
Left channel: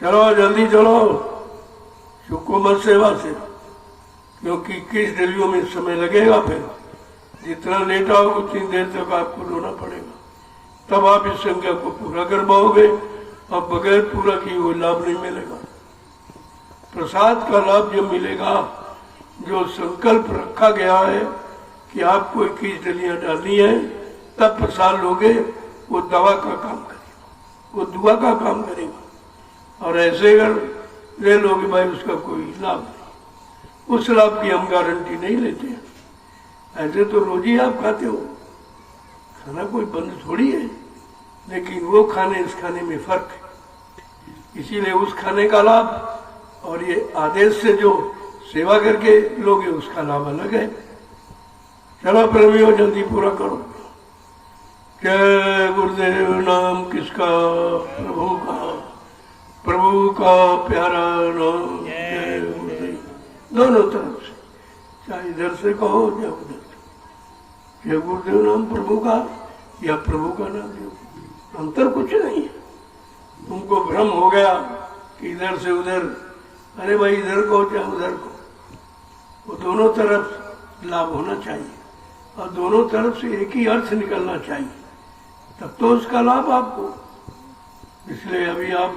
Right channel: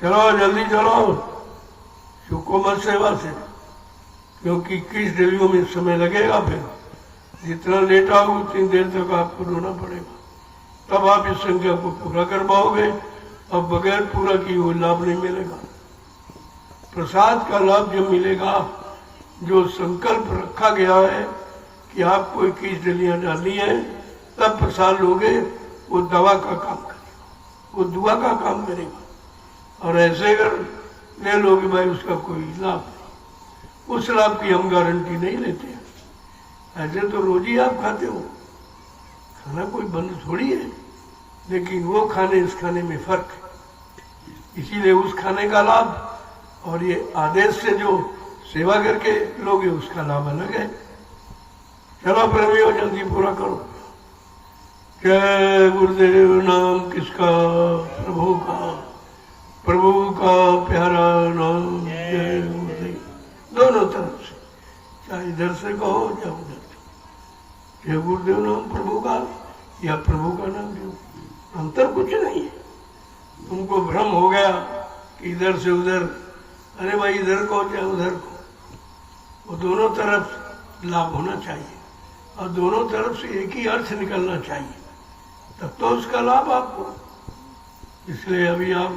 चलो जल्दी चलो, चुको मत सेवा से, क्योंकि किस दिलियों में समय लगेगा। फिर जितना लेट आओगे उतनी देर तक आपको रोना पड़ेगा, तब आप इस संख्या को पूरा कर पाओगे, और बगैर पूरा किए हुए लाभ नहीं मिलेगा। प्रसाद का लाभ जब मिलेगा, जो संकल्प रखा गया है कि आपको 21 डलियां डालनी है, तब प्रसाद लोगे, वो दवा का काम करेगा, वो दुआ का काम करेगा। और ऐसे अगर ले लोगे भाई, उसका कोई लाभ नहीं, उस लाभ की हम गारंटी नहीं लेते। ऐसे तो रोज ही आप खाते हो, खाना कोई बंद थोड़ी है, लेकिन वो खाने इस खाने में फर्क है। इसीलिए उस खाने का लाभ और ये आदेश से जो सेवा करके लोगे उसका लाभ अलग है। चलो प्रेमियों, जल्दी पूरा करो। जय गुरुदेव नाम किसका? प्रभु का, प्रभु का प्यारा नाम। जय गुरुदेव, दोनों तरफ से, चाहे इधर से कहो या उधर से। जय गुरुदेव नाम प्रभु का या प्रभु का नाम, अंतर कुछ नहीं है। तुमको भ्रम हो गया कि इधर से उधर, अरे भाई इधर को या उधर को, वो दोनों तरफ लाभ होना चाहिए और दोनों तरफ से एक ही अर्थ निकलना चाहिए, तब तो उसका लाभ आपको। इसलिए अभी आप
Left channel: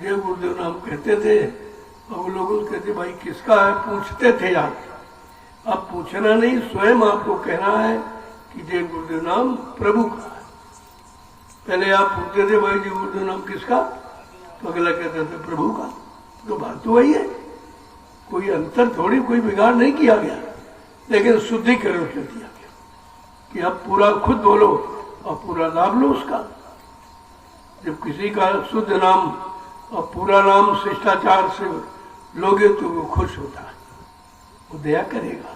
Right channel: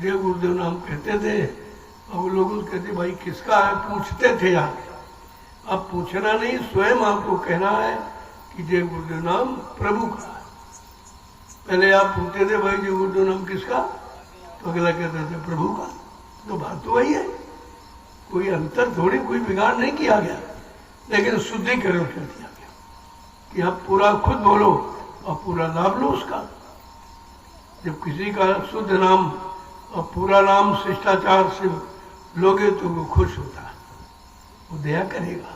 जय गुरुदेव नाम कहते थे और वो लोग कहते भाई किसका है, पूछते थे आप। अब पूछना नहीं, स्वयं आपको कहना है कि जय गुरुदेव नाम प्रभु का है। पहले आप पूछते थे भाई जय गुरुदेव नाम किसका, तो अगला कहता था प्रभु का। तो बात तो वही है, कोई अंतर थोड़ी, कोई बिगाड़ नहीं किया गया, लेकिन शुद्धिकरण कर दिया गया कि आप पूरा खुद बोलो और पूरा लाभ लो उसका। जब किसी का शुद्ध नाम और पूरा नाम शिष्टाचार से लोगे तो वो खुश होता है, वो दया करेगा,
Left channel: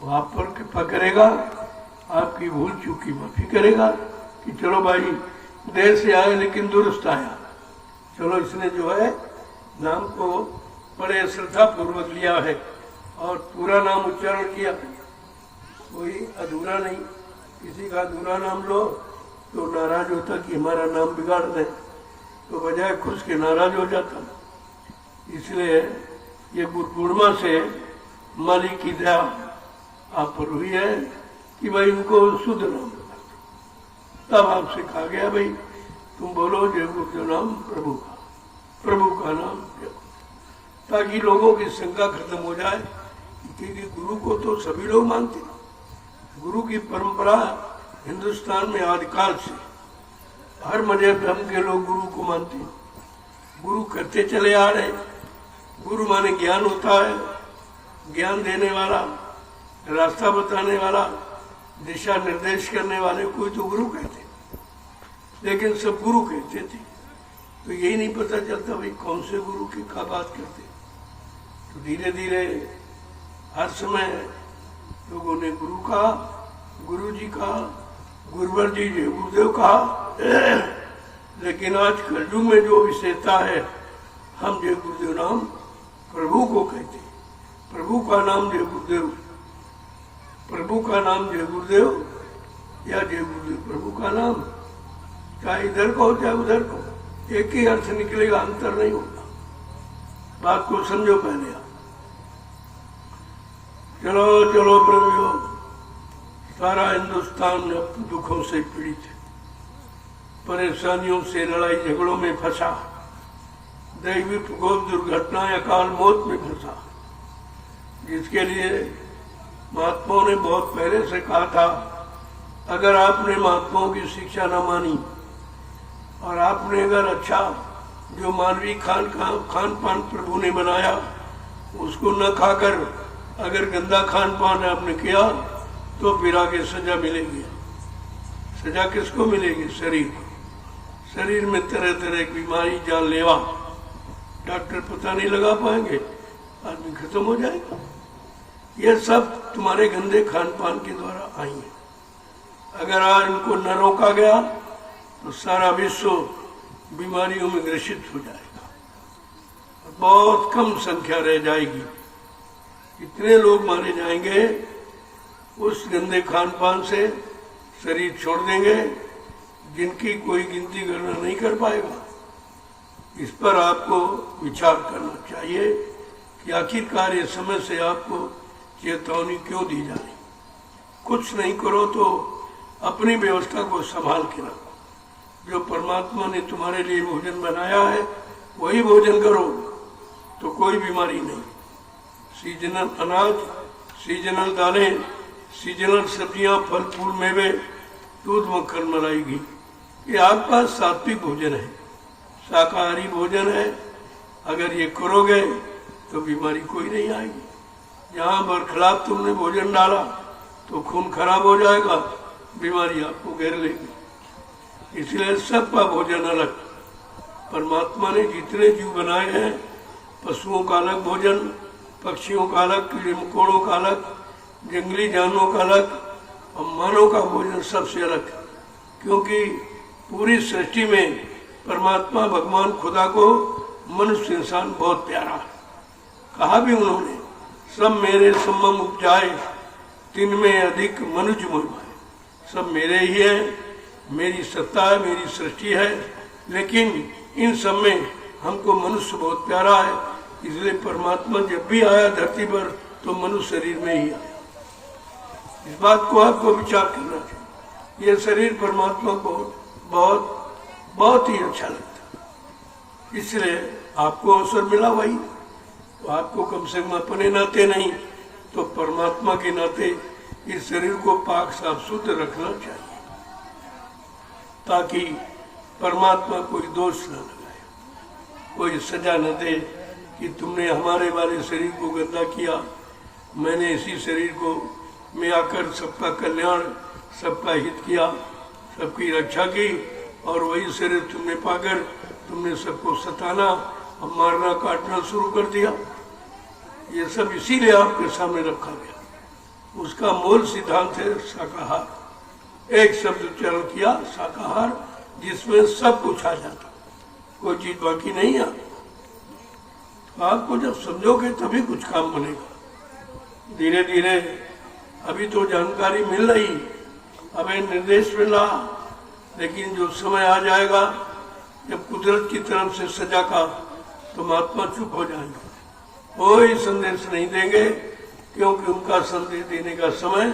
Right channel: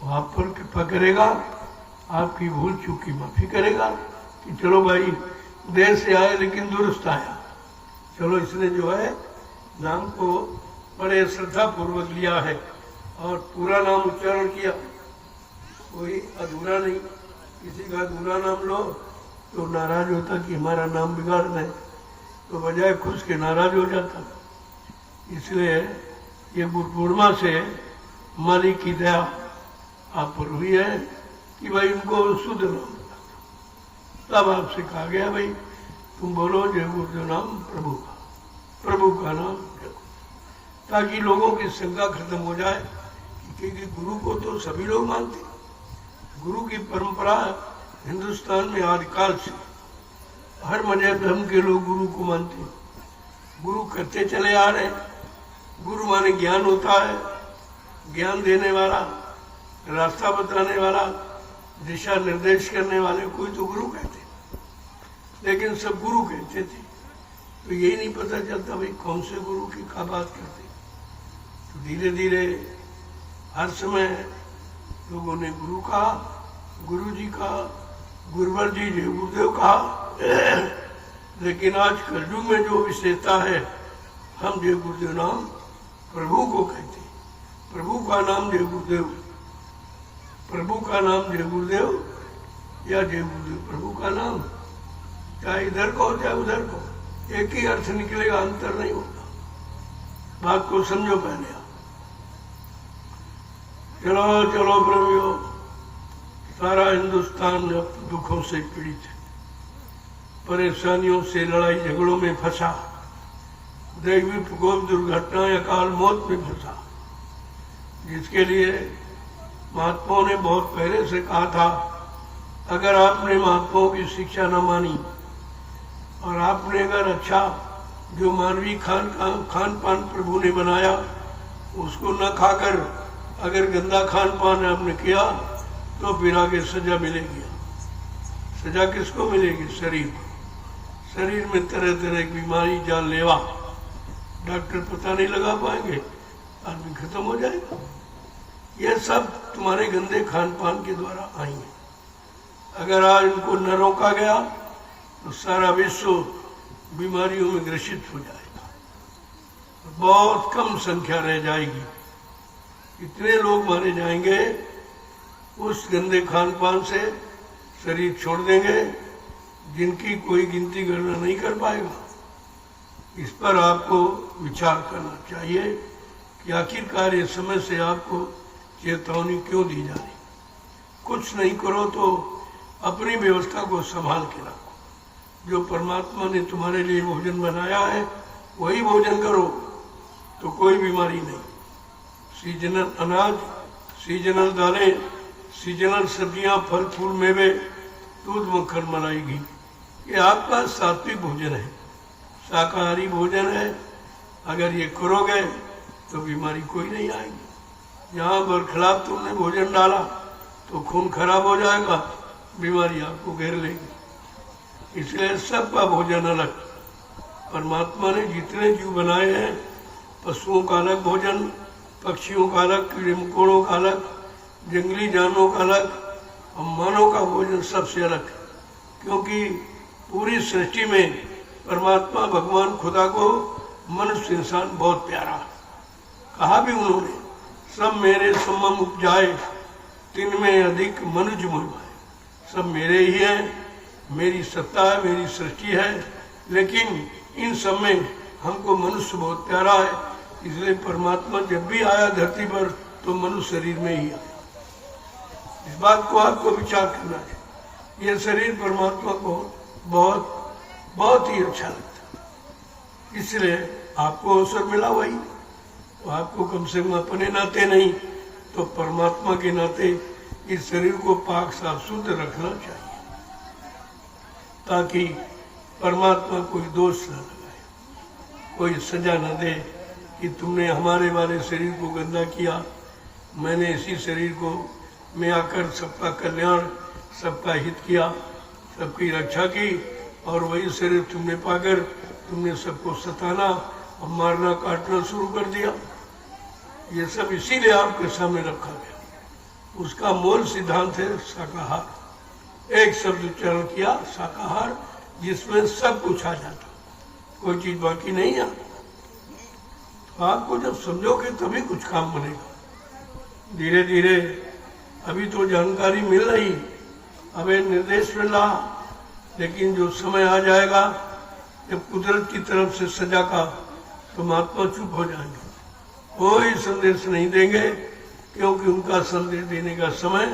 वो आप पर कृपा करेगा, आपकी भूल चूक की माफी करेगा कि चलो भाई देर से आए लेकिन दुरुस्त आया, चलो इसने जो है नाम को बड़े श्रद्धा पूर्वक लिया है और पूरा नाम उच्चारण किया, कोई अधूरा नहीं। किसी का अधूरा नाम लो तो नाराज होता कि हमारा नाम बिगाड़ रहे, तो बजाय खुश के नाराज हो जाता। इसलिए ये बुद्ध पूर्णिमा से मालिक की दया आप पर हुई है कि भाई उनको शुद्ध नाम बता। तब आपसे कहा गया भाई तुम बोलो जय गुरुदेव नाम प्रभु का नाम जप, ताकि लोगों की शंका खत्म हो जाए। क्योंकि गुरु को तो सभी लोग मानते हैं। गुरु की परंपरा हिंदुस्तान में आदिकाल से हर मजहब धर्म के लोग गुरु को मानते हैं। गुरु करते चले आ रहे। गुरु माने ज्ञान होता है, ज्ञान देने वाला, रास्ता बताने वाला, दिशा निर्देश करने वाले कोई तो गुरु कहते, लेकिन सब गुरु कहते थे। तो यही नहीं पता चलता भाई कौन से गुरु की क्या बात करते। तो धीरे धीरे हर समय लोगों ने गुरु कहा, गुरु जी कहा, गुरुवर जी जय गुरुदेव कहा। लेकिन आज कलयुग में जो विशेषता है, हम जय गुरुदेव नाम प्रभु को कहते हैं। प्रभु का नाम जय गुरुदेव, प्रभु का नाम जय गुरुदेव या जय गुरुदेव प्रभु का नाम, चाहे इधर को चाहे उधर को, एक ही अर्थ निकलेगा, अंतर नहीं होगा। बात को समझो पहले आप। चलो चलो प्रभु, सारा हिंदुस्तान अब दुखों से पीड़ित है, परेशानियों से, लड़ाई झगड़ों में फंसा, दैवी प्रकोप, दुर्घटना, अकाल मौत में फंसा, जिसके लिए महात्माओं ने बहुत पहले से कहा था अगर आपने महात्माओं की शिक्षा न मानी और आपने अगर अच्छा जो मानवीय खान पान प्रभु ने बनाया उसको न खाकर अगर गंदा खान पान आपने किया तो फिर आगे सजा मिलेगी। सजा किसको मिलेगी? शरीर। शरीर में तरह तरह की बीमारी, जानलेवा, डॉक्टर पता नहीं लगा पाएंगे, आदमी खत्म हो जाएगा। ये सब तुम्हारे गंदे खान पान के द्वारा आई है। अगर आज इनको न रोका गया तो सारा विश्व बीमारियों में ग्रसित हो जाएगा, बहुत कम संख्या रह जाएगी। इतने लोग मारे जाएंगे उस गंदे खान पान से, शरीर छोड़ देंगे जिनकी कोई गिनती करना नहीं कर पाएगा। इस पर आपको विचार करना चाहिए कि आखिरकार ये समय से आपको चेतावनी क्यों दी जा रही। कुछ नहीं करो तो अपनी व्यवस्था को संभाल के रखो। जो परमात्मा ने तुम्हारे लिए भोजन बनाया है वही भोजन करो, तो कोई बीमारी नहीं। सीजनल अनाज, सीजनल दालें, सीजनल सब्जियां, फल फूल, मेवे, दूध, मक्खन, मलाई, घी, ये आपका सात्विक भोजन है, शाकाहारी भोजन है। अगर ये करोगे तो बीमारी कोई नहीं आएगी। जहाँ पर खराब तुमने भोजन डाला तो खून खराब हो जाएगा, बीमारी आपको घेर लेगी। इसलिए सबका भोजन अलग। परमात्मा ने जितने जीव बनाए हैं, पशुओं का अलग भोजन, पक्षियों का अलग, कीड़े मकोड़ों का अलग, जंगली जानवरों का अलग, और मानव का भोजन सबसे अलग। क्योंकि पूरी सृष्टि में परमात्मा भगवान खुदा को मनुष्य इंसान बहुत प्यारा है। कहा भी उन्होंने, सब मेरे समम उपजाए, तिनमें अधिक मनुज मोह भाए। सब मेरे ही हैं, मेरी सत्ता है, मेरी सृष्टि है, लेकिन इन सब में हमको मनुष्य बहुत प्यारा है। इसलिए परमात्मा जब भी आया धरती पर तो मनुष्य शरीर में ही आया। इस बात को आपको विचार करना चाहिए। यह शरीर परमात्मा को बहुत बहुत ही अच्छा लगता है, इसलिए आपको अवसर मिला भाई, तो आपको कम से कम अपने नाते नहीं तो परमात्मा के नाते इस शरीर को पाक साफ शुद्ध रखना चाहिए, ताकि परमात्मा कोई दोष न लगाए, कोई सजा न दे कि तुमने हमारे वाले शरीर को गंदा किया। मैंने इसी शरीर को में आकर सबका कल्याण, सबका हित किया, सबकी रक्षा की, और वही शरीर तुमने पाकर तुमने सबको सताना और मारना काटना शुरू कर दिया। ये सब इसीलिए आपके सामने रखा गया। उसका मूल सिद्धांत है शाकाहार। एक शब्द उच्चारण किया, शाकाहार, जिसमें सब कुछ आ जाता। कोई चीज बाकी नहीं है। आपको जब समझोगे तभी कुछ काम बनेगा। धीरे धीरे अभी तो जानकारी मिल रही, अभी निर्देश मिल रहा, लेकिन जो समय आ जाएगा जब कुदरत की तरफ से सजा का, तो महात्मा चुप हो जाएंगे, कोई संदेश नहीं देंगे, क्योंकि उनका संदेश देने का समय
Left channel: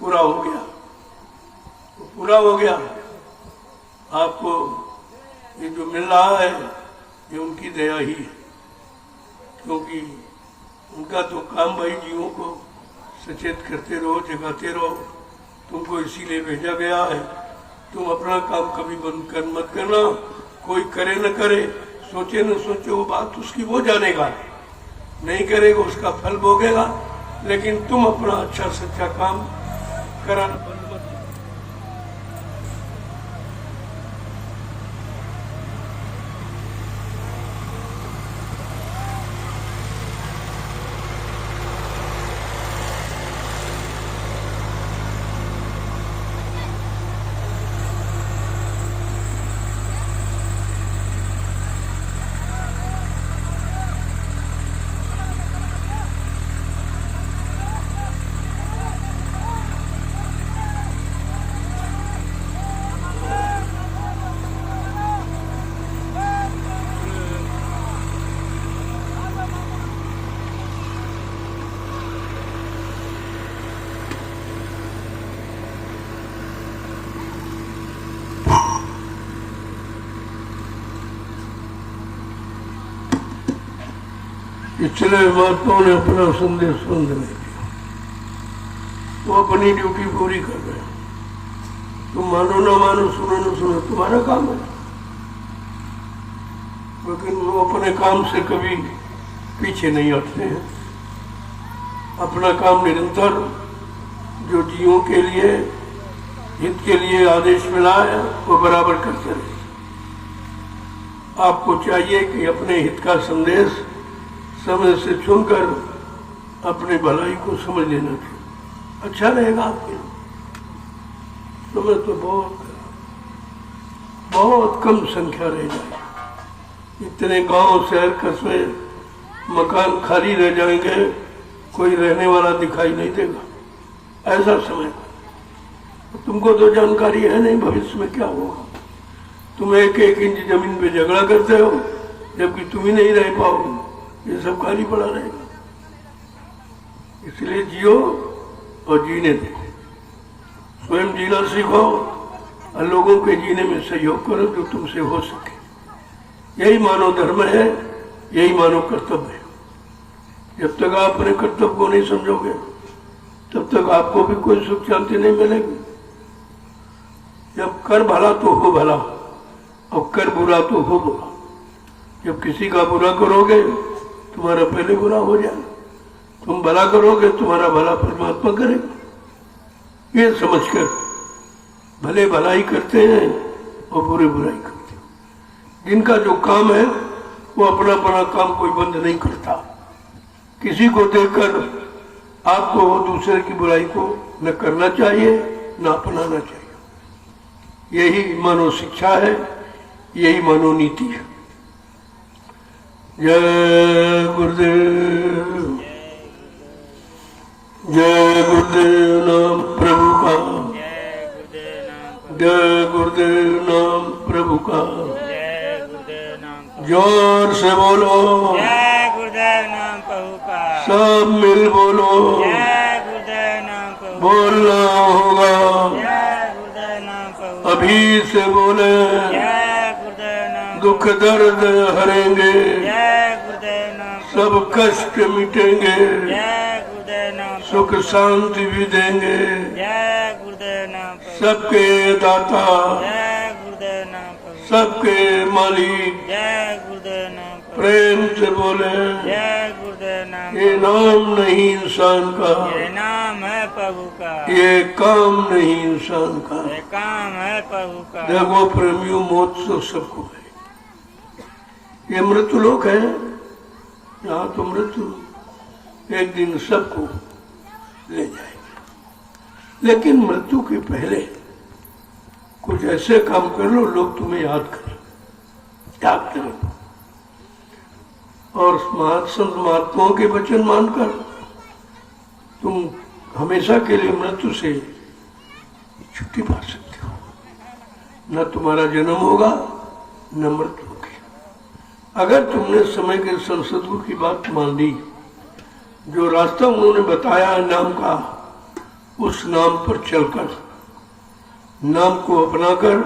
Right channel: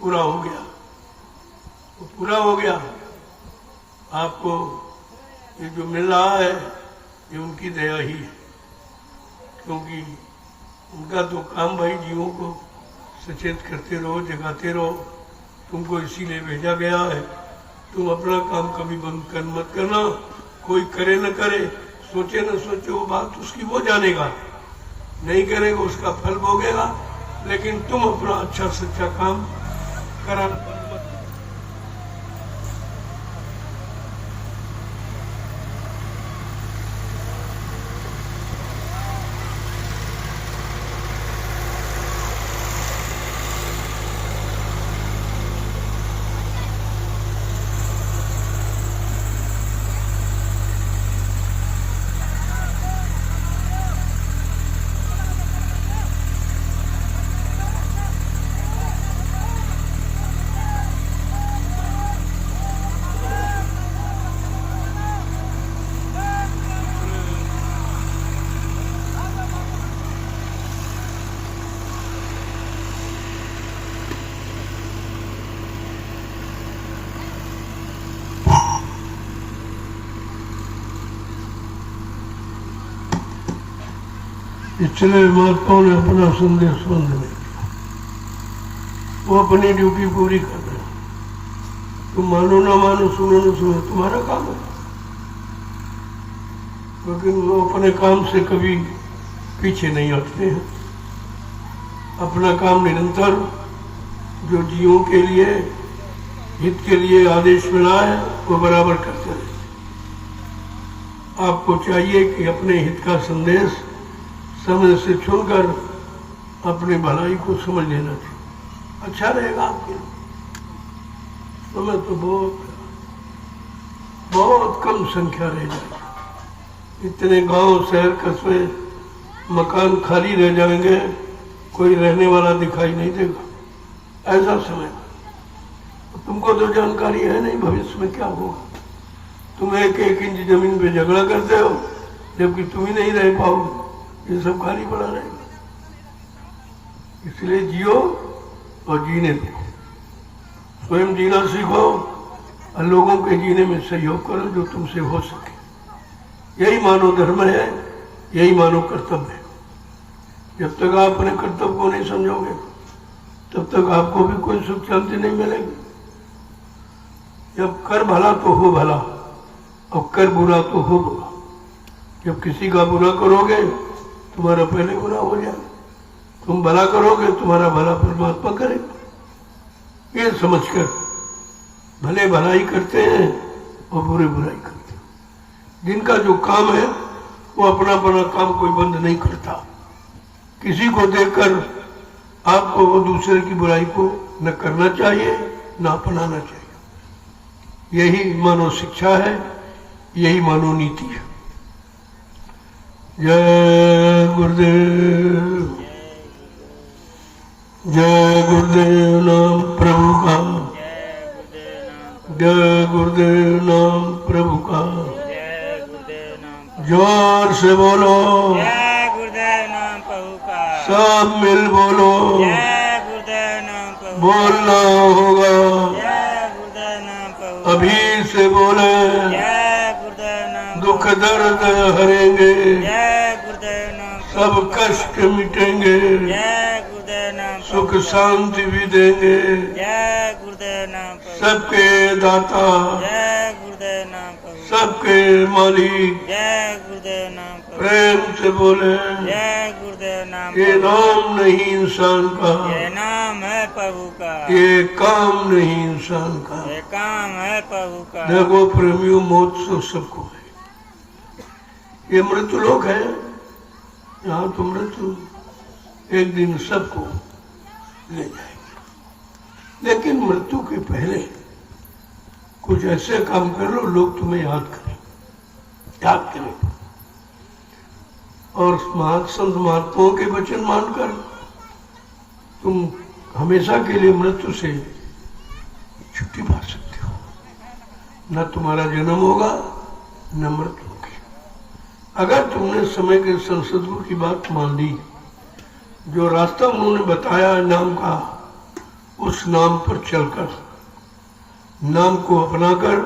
पूरा हो गया। तो पूरा हो गया। आपको ये जो मिल रहा है ये उनकी दया ही है, क्योंकि उनका तो काम भाई जीवों को सचेत करते रहो, जगाते रहो। तुमको इसीलिए भेजा गया है। तुम अपना काम कभी बंद कर मत करना। कोई करे न करे, सोचे न सोचे, वो बात उसकी वो जानेगा, नहीं करेगा उसका फल भोगेगा। लेकिन तुम अपना अच्छा सच्चा काम कराना बंद मत करो। पिछले महात्माओं ने अपना संदेश बंद नहीं किया, वो अपनी ड्यूटी पूरी कर रहे हैं। तुम मानो ना मानो, सुनो ना सुनो, तुम्हारा काम है। लेकिन वो अपने काम से कभी पीछे नहीं हटते हैं। अपना काम निरंतर जो जीवों के लिए, हित के लिए आदेश मिला है वो बराबर करते रहे। आपको चाहिए कि अपने हित का संदेश समय से चुनकर अपनी भलाई को समझ लेना चाहिए, अच्छा रहेगा आपके। समय तो बहुत कम संख्या रह जाएगी। इतने गांव, शहर, कस्बे, मकान खाली रह जाएंगे, कोई रहने वाला दिखाई नहीं देगा। ऐसा समय तुमको तो जानकारी है नहीं भविष्य में क्या होगा। तुम एक इंच जमीन पे झगड़ा करते हो, जबकि तुम ही नहीं रह पाओगे, ये सब खाली पड़ा रहेगा। इसलिए जियो और जीने दो, स्वयं जीना सीखो और लोगों के जीने में सहयोग करो जो तुमसे हो सके। यही मानव धर्म है, यही मानव कर्तव्य है। जब तक आप अपने कर्तव्य को नहीं समझोगे तब तक आपको भी कोई सुख शांति नहीं मिलेगी। जब कर भला तो हो भला और कर बुरा तो हो बुरा। जब किसी का बुरा करोगे तुम्हारा पहले बुरा हो जाएगा, तुम भला करोगे तुम्हारा भला परमात्मा करेगा। ये समझकर भले भलाई करते हैं और बुरे बुराई करते हैं। जिनका जो काम है वो अपना काम कोई बंद नहीं करता। किसी को देखकर आपको वो दूसरे की बुराई को न करना चाहिए न अपनाना चाहिए। यही मानव शिक्षा है, यही मानव नीति है। जय गुरुदेव, जय गुरुदेव नाम प्रभु का, जय गुरुदेव नाम प्रभु का। जोर से बोलो, जय गुरुदेव नाम प्रभु का। सब मिल बोलो, जय गुरुदेव नाम प्रभु। बोलना होगा, जय गुरुदेव नाम प्रभु। अभी से बोले, जय गुरुदेव नाम। दुख दर्द हरेंगे, जय गुरुदेव नाम। सब कष्ट मिटेंगे, जय गुरुदेव नाम। सुख शांति भी देंगे। जय गुरुदेव नाम। सबके दाता, जय गुरुदेव नाम। सबके मालिक, जय गुरुदेव नाम। प्रेम से बोले, जय गुरुदेव नाम। ये नाम नहीं इंसान का, ये नाम है प्रभु का। ये काम नहीं इंसान का। ये काम है प्रभु का। देखो प्रेमियों, मौत तो सबको है। ये मृत्यु लोक है, यहाँ तो मृत्यु एक दिन सबको ले जाएगी। लेकिन मृत्यु के पहले कुछ ऐसे काम कर लो लोग तुम्हें याद करें। याद करें और संत महात्माओं के वचन मानकर तुम हमेशा के लिए मृत्यु से छुट्टी पा सकते हो। न तुम्हारा जन्म होगा न मृत्यु होगी। अगर तुमने समय के संसदों की बात मान ली, जो रास्ता उन्होंने बताया नाम का, उस नाम पर चलकर, नाम को अपनाकर,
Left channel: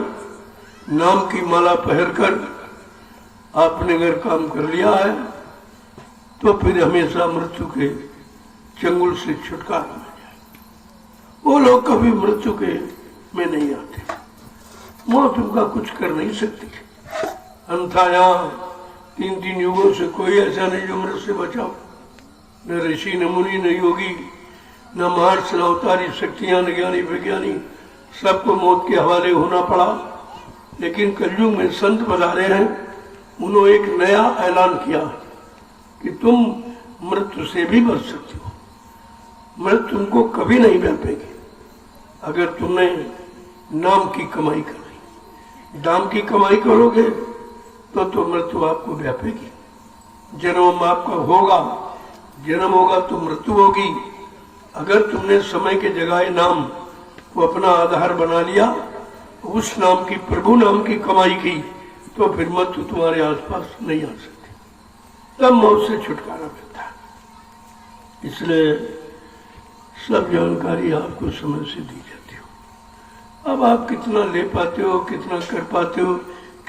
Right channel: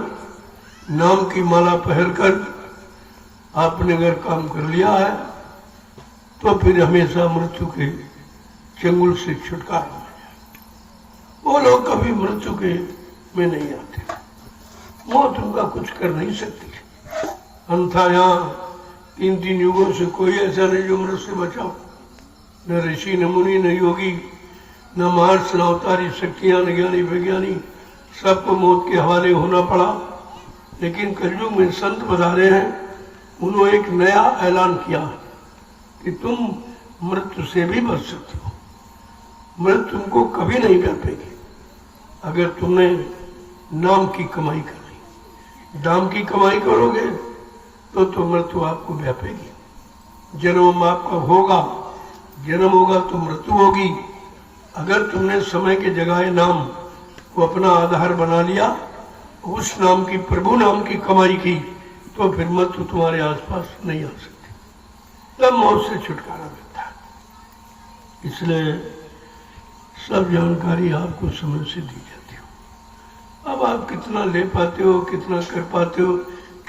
नाम की माला पहनकर आपने अगर काम कर लिया है तो फिर हमेशा मृत्यु के चंगुल से छुटकारा मिल जाए। वो लोग कभी मृत्यु के में नहीं आते। मौत उनका कुछ कर नहीं सकती। अन्यथा यहाँ 3 युगों से कोई ऐसा नहीं जो मृत्यु से बचा। न ऋषि, न मुनि, न योगी, न महर्षि, न अवतारी शक्तियां, न ज्ञानी विज्ञानी, सबको मौत के हवाले होना पड़ा। लेकिन कलयुग में संत बता रहे हैं, उन्होंने एक नया ऐलान किया कि तुम मृत्यु से भी बच सकते हो। मृत्यु तुमको कभी नहीं व्यापेगी अगर तुमने नाम की कमाई करनी। दाम की कमाई करोगे तो मृत्यु आपको व्यापेगी। जन्म आपका होगा, जन्म होगा तो मृत्यु होगी। अगर तुमने समय के जगह नाम को अपना आधार बना लिया, उस नाम की, प्रभु नाम की कमाई की, तो फिर मृत्यु तुम्हारे आसपास नहीं आ सकती। तब मौत से छुटकारा मिलता है। इसलिए सब जानकारी आपको समय से दी जाती हो। अब आप कितना ले पाते हो, कितना कर पाते हो,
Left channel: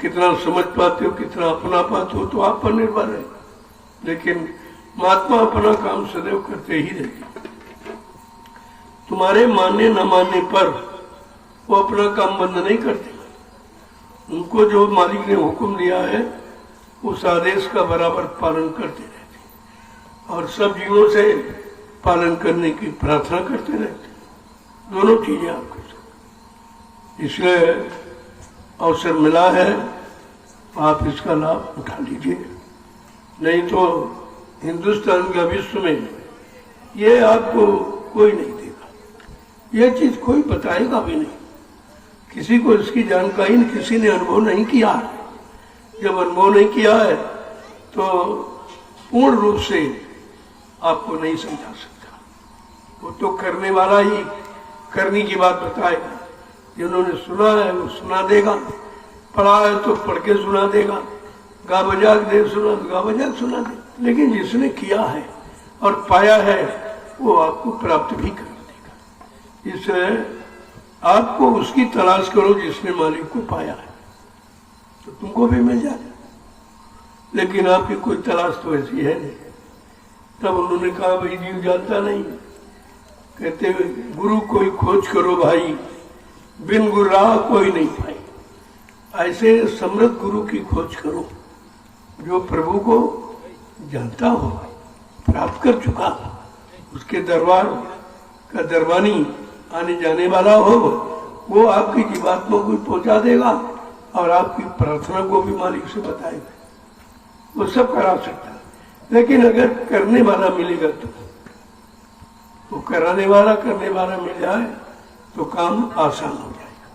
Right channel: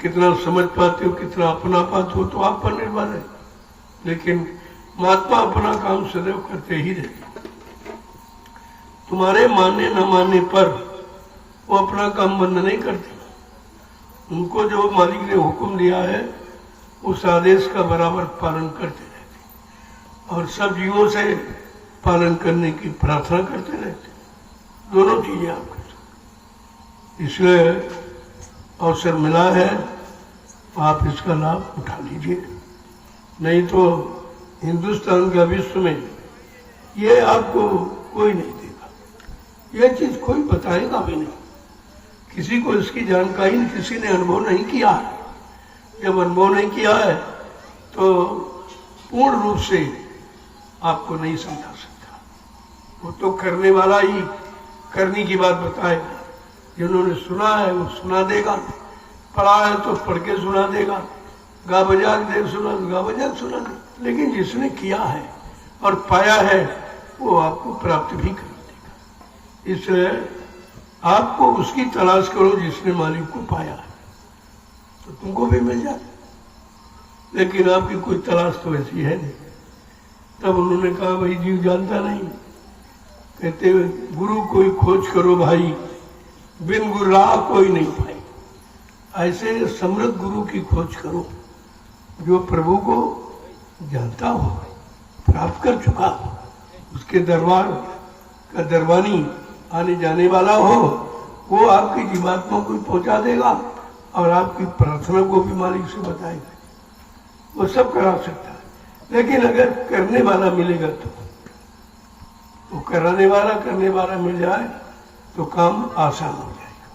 कितना समझ पाते हो, कितना अपना पाते हो, तो आप पर निर्भर है। लेकिन महात्मा अपना काम सदैव करते ही रहते। तुम्हारे मानने न मानने पर वो अपना काम बंद नहीं करते। उनको जो मालिक ने हुक्म दिया है उस आदेश का बराबर पालन करते रहते और सब जीवों से पालन करने की प्रार्थना करते रहते। दोनों चीजें आप कर सकते। इसलिए अवसर मिला है, आप इसका लाभ उठा लीजिए। नहीं तो हिंदुस्तान के विश्व में ये आपको कोई नहीं देगा। यह चीज कोई बताएगा भी नहीं। किसी को इसकी जानकारी किसी ने अनुभव नहीं किया है। जब अनुभव नहीं किया है तो पूर्ण रूप से आपको नहीं समझा सकता। वो तो करने वाला ही करने की बात बताएगा। जिन्होंने सुना है वो सुना देगा, पढ़ा है तो पढ़ के सुना देगा, गा बजा दे सुना, गा बजा सुना दे। लेकिन जिसने किया है और पाया है वो आपको प्राप्त भी कर देगा। इसलिए आपको उसकी तलाश करो जिसने मालिक को पाया है, तो तुमको भी मिल जाए। लेकिन आपकी कोई तलाश तो ऐसी है नहीं। तब उन्होंने कहा भाई जीव जानता नहीं। कहते गुरु कोई खोज करो भाई, बिन गुरु राह कोई नहीं पाई। ऐसे समृद्ध गुरु की खोज करो जो प्रभु को जानता हो, प्राप्त कर चुका हो, उसके दरबार का दरबानी आने जाने वाला हो। वो आपकी जीवात्मा को पहुंचा देगा और आपकी प्रार्थना को भी मालिक से बताएगा। वो सब करा सकता है। लेकिन अगर करने वाला मिलेगा तो वो कराने वाला करने वाला मिल जाए तो काम आसान हो जाएगा।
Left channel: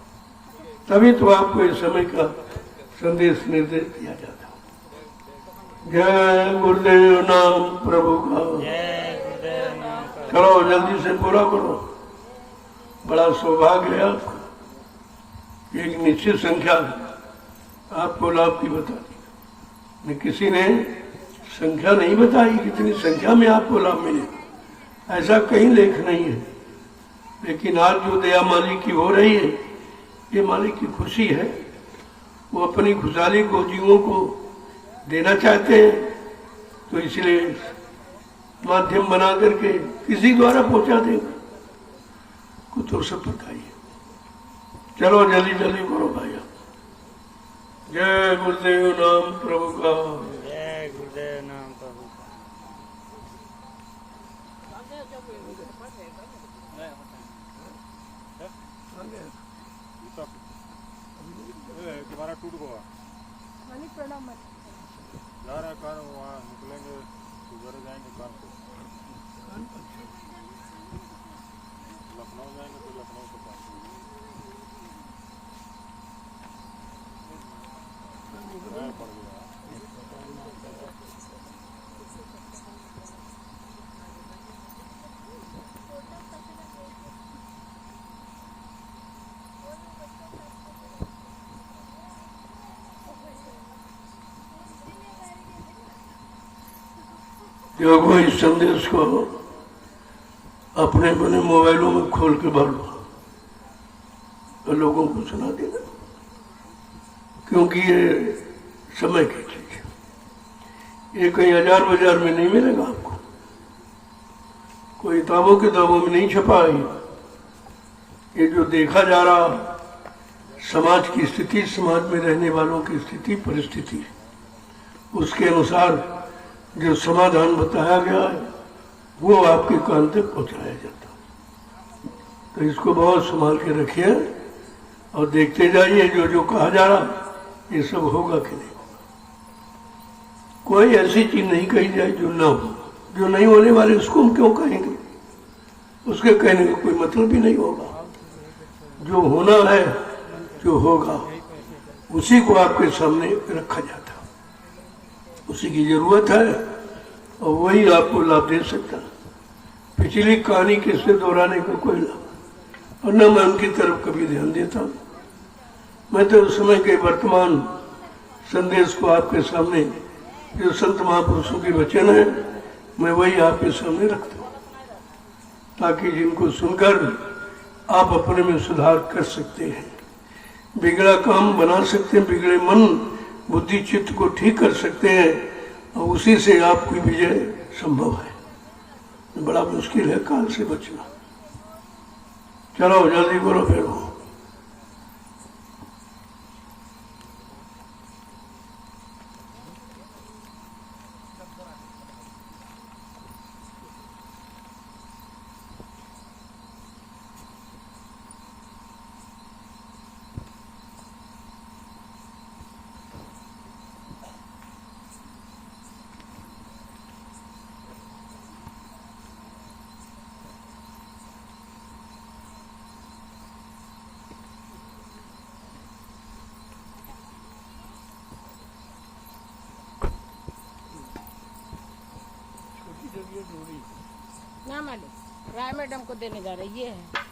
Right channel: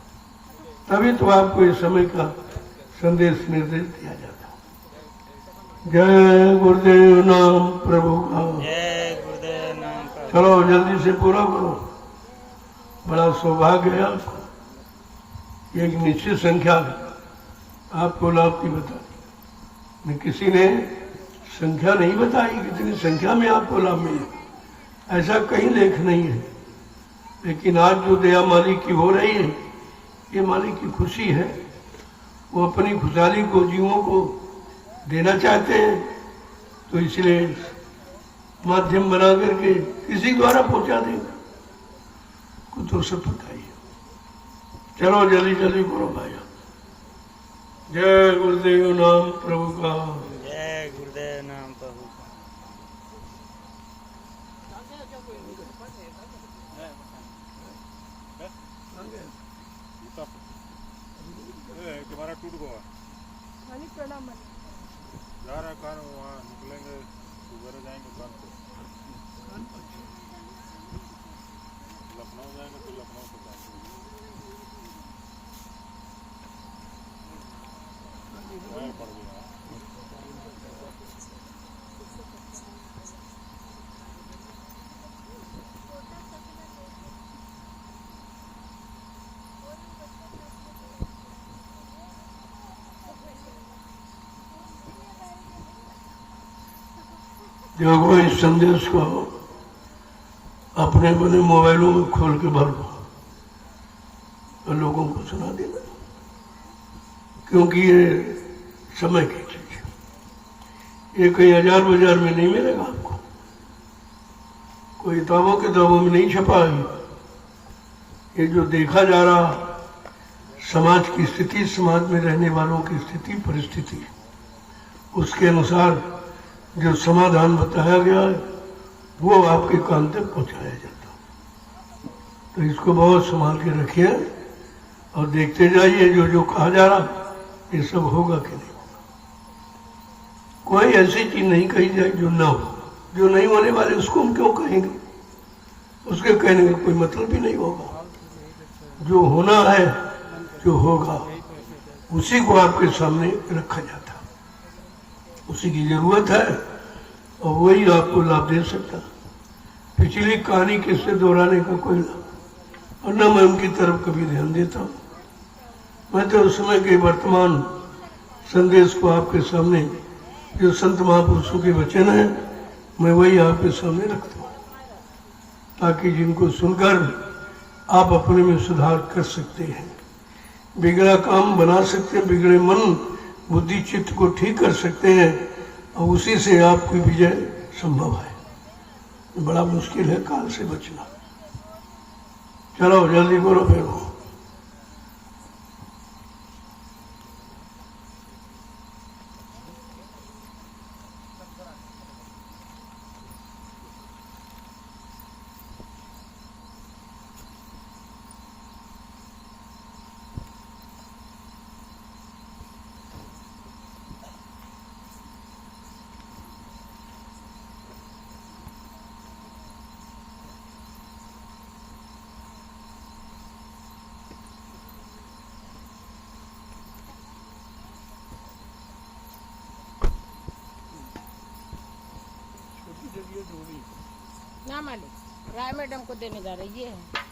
तभी तो आपको इस समय का संदेश निर्देश दिया जाता है। जय गुरुदेव नाम प्रभु का। जय गुरुदेव नाम का। चलो जल्दी से पूरा करो। बड़ा सौभाग्य है आपको। एक निश्चित संख्या आपको लाभ की बता दी। किसी ने संख्या नहीं बताई कितनी संख्या में आपको लाभ मिलेगा, ऐसा कहीं लेख नहीं है। लेकिन आज जो दया मालिक की हो रही है, ये मालिक की खुशी है। वो अपनी खुशहाली को जीवों को देना चाहते हैं, तो इसलिए माध्यम बना करके किसी द्वारा पहुंचा देगा। कुछ तो सब बताइए। चलो जल्दी जल्दी करो भाइया। जय गुरुदेव नाम प्रभु का। जय गुरुदेव नाम प्रभु का। तुम्हारा टूट गया जा रहा है कार, वहाँ निकलेंगे सुबह जाएंगे कानपुर, लखनऊ जाएंगे तो लखनऊ से कानपुर पड़ गई। जो वो इस संदेश को अपने अपने मोबाइलों में खोल के भर दो और लोगों को सुना देना, क्योंकि ये समय की चीज है। ये कहीं हजार बाजार में नहीं मिलेगा आपको, कोई किताबों में नहीं छपा है। ये जो देखा जा रहा समाज की स्थिति, समाज में रहने वालों की स्थिति परिस्थिति, उसके अनुसार जो समाधान बताया गया है वो आपके कान तक पहुंचाया जाता है। तो इसको बहुत संभाल के रखिए और देखते जाइए जो जो कहा जा रहा ये सब होगा कि नहीं। कोई ऐसी चीज नहीं कही जाए जो ना हो, जो नहीं होने वाले उसको हम क्यों कहेंगे, उसके कहने का कोई मतलब भी नहीं होगा। जो होना है, जो होगा, उसी को आपके सामने रखा जाता है, उसी की जरूरत है और वही आपको लाभ दे सकता। पिछली कहानी किससे दोहराने का कोई लाभ, और न मैं उनकी तरफ कभी ध्यान देता हूं। मैं तो उस समय के वर्तमान संदेश को आपके सामने, जो संत महापुरुषों के वचन है, मैं वही आपके सामने रखता हूं, ताकि जिनको सुनकर आप अपने में सुधार कर सकते हैं, बिगड़ा काम बना सकते हैं, बिगड़े मन बुद्धि चित्त को ठीक कर सकते हैं, और उसी से आपकी विजय संभव है। बड़ा मुश्किल है काल से बचना। चलो जल्दी करो फिर। ना मालिक, राय मैडम को देने जा रही है।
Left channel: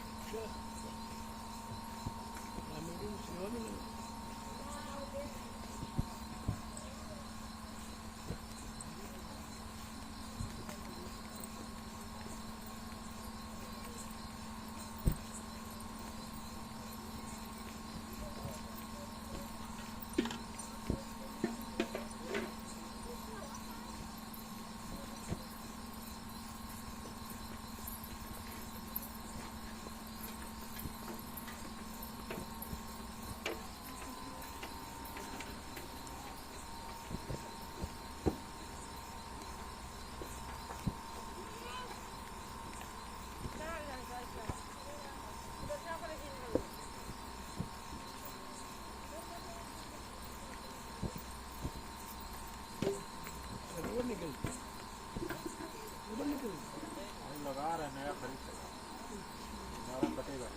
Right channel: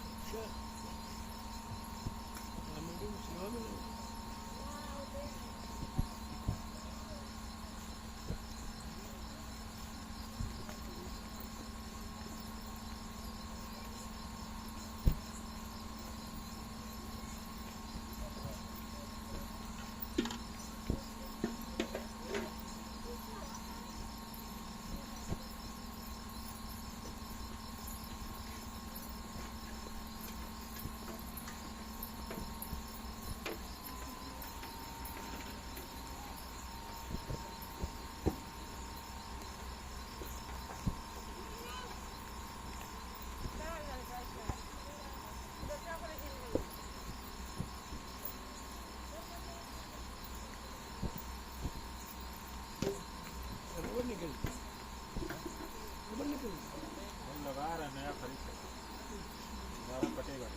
लगा रहा है नया खरीद हमारा कटेगा।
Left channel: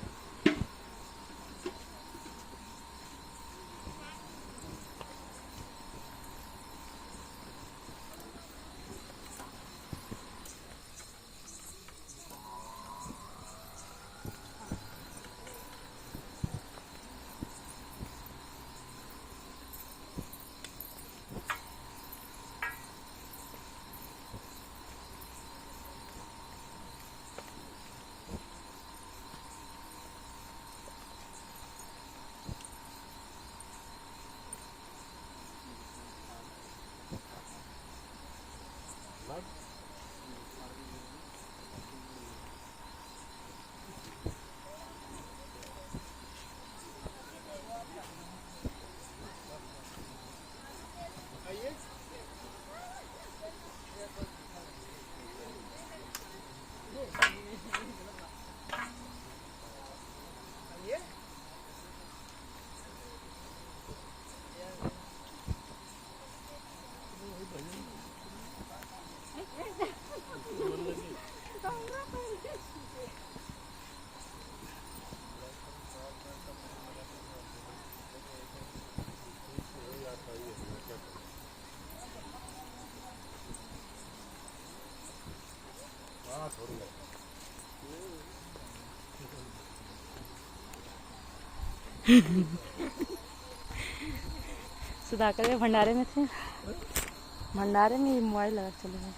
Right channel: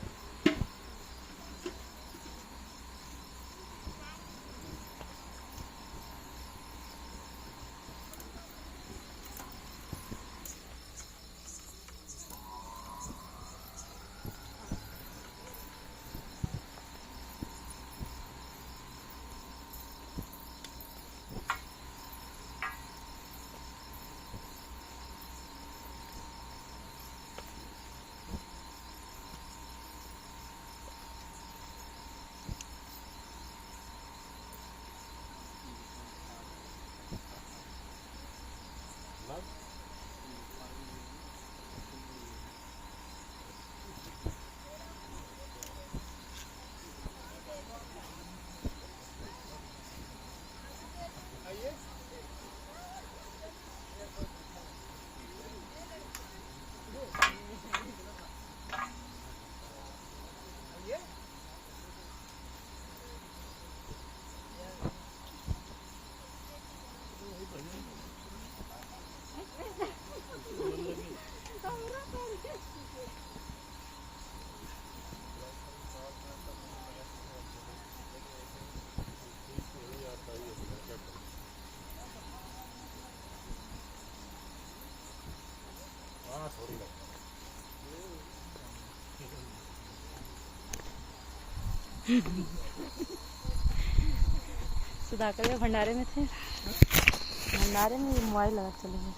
सुधाकर भंडारे में थे, भंडारे में मोबाइल लगा चले गए।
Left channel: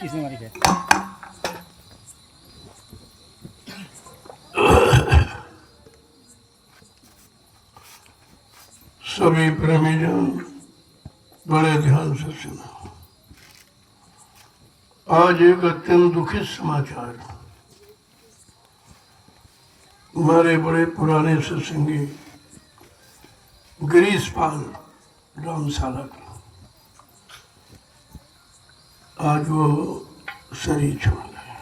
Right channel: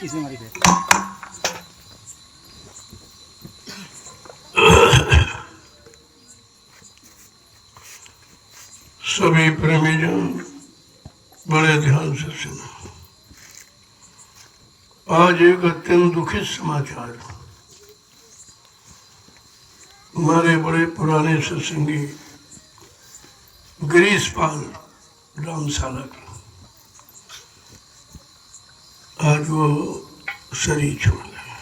किसने मारी थे? सभी प्रेमीजन बड़े ध्यान से सुनो। आज एक अत्यंत दुखित समाचार। हमारे बड़े पुराने सत्संगी गिरीश पाल रामशाला के आज वो शरीर छोड़ गए।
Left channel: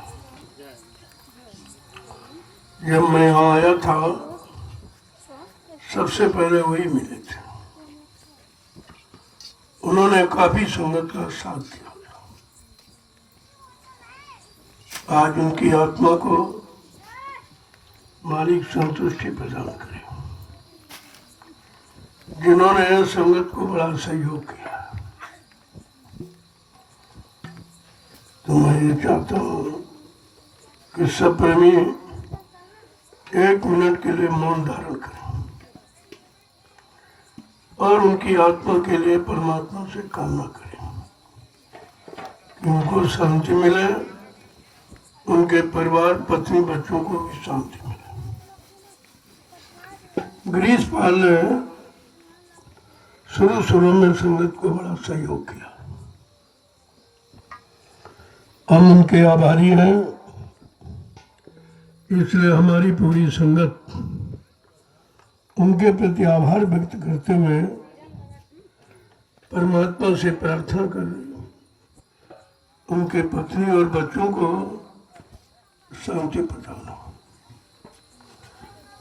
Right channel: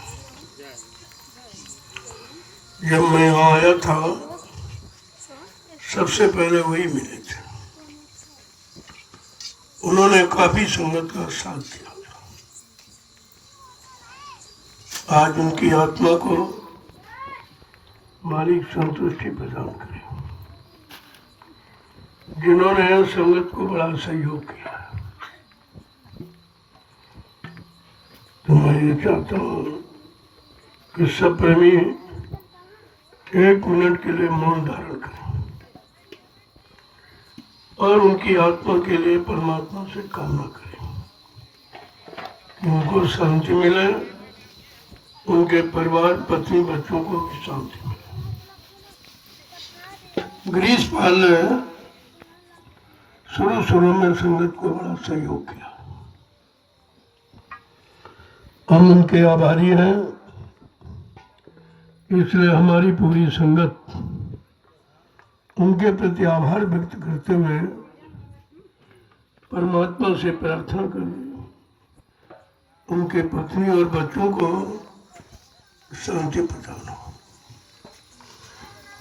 जब मैं यहाँ आया था सबसे पहले वही मिले थे। उन्होंने काफी संगत का साथ दिया। आज उनकी आत्मा को मालिक संतुष्टि प्रदान करे, जिन्होंने संगत को बड़ा सहयोग किया। तो मैं ये चाहता हूँ कि सब प्रेमी 1 मिनट के लिए मौन धारण करें और उनकी आत्मा के लिए परमात्मा से कामना करें कि उनको शांति मिले, उनके परिवार, पत्नी, बच्चों को भी शांति मिले। गिरीश पाल ने शुरू में संगत को बड़ा सहयोग किया। हम उनके आभारी हैं। इसलिए हमारी पूरी संगत उनके प्रति आभार व्यक्त करते हुए परमात्मा से प्रार्थना कर उनके पत्नी और बच्चों को शांति प्रदान हो।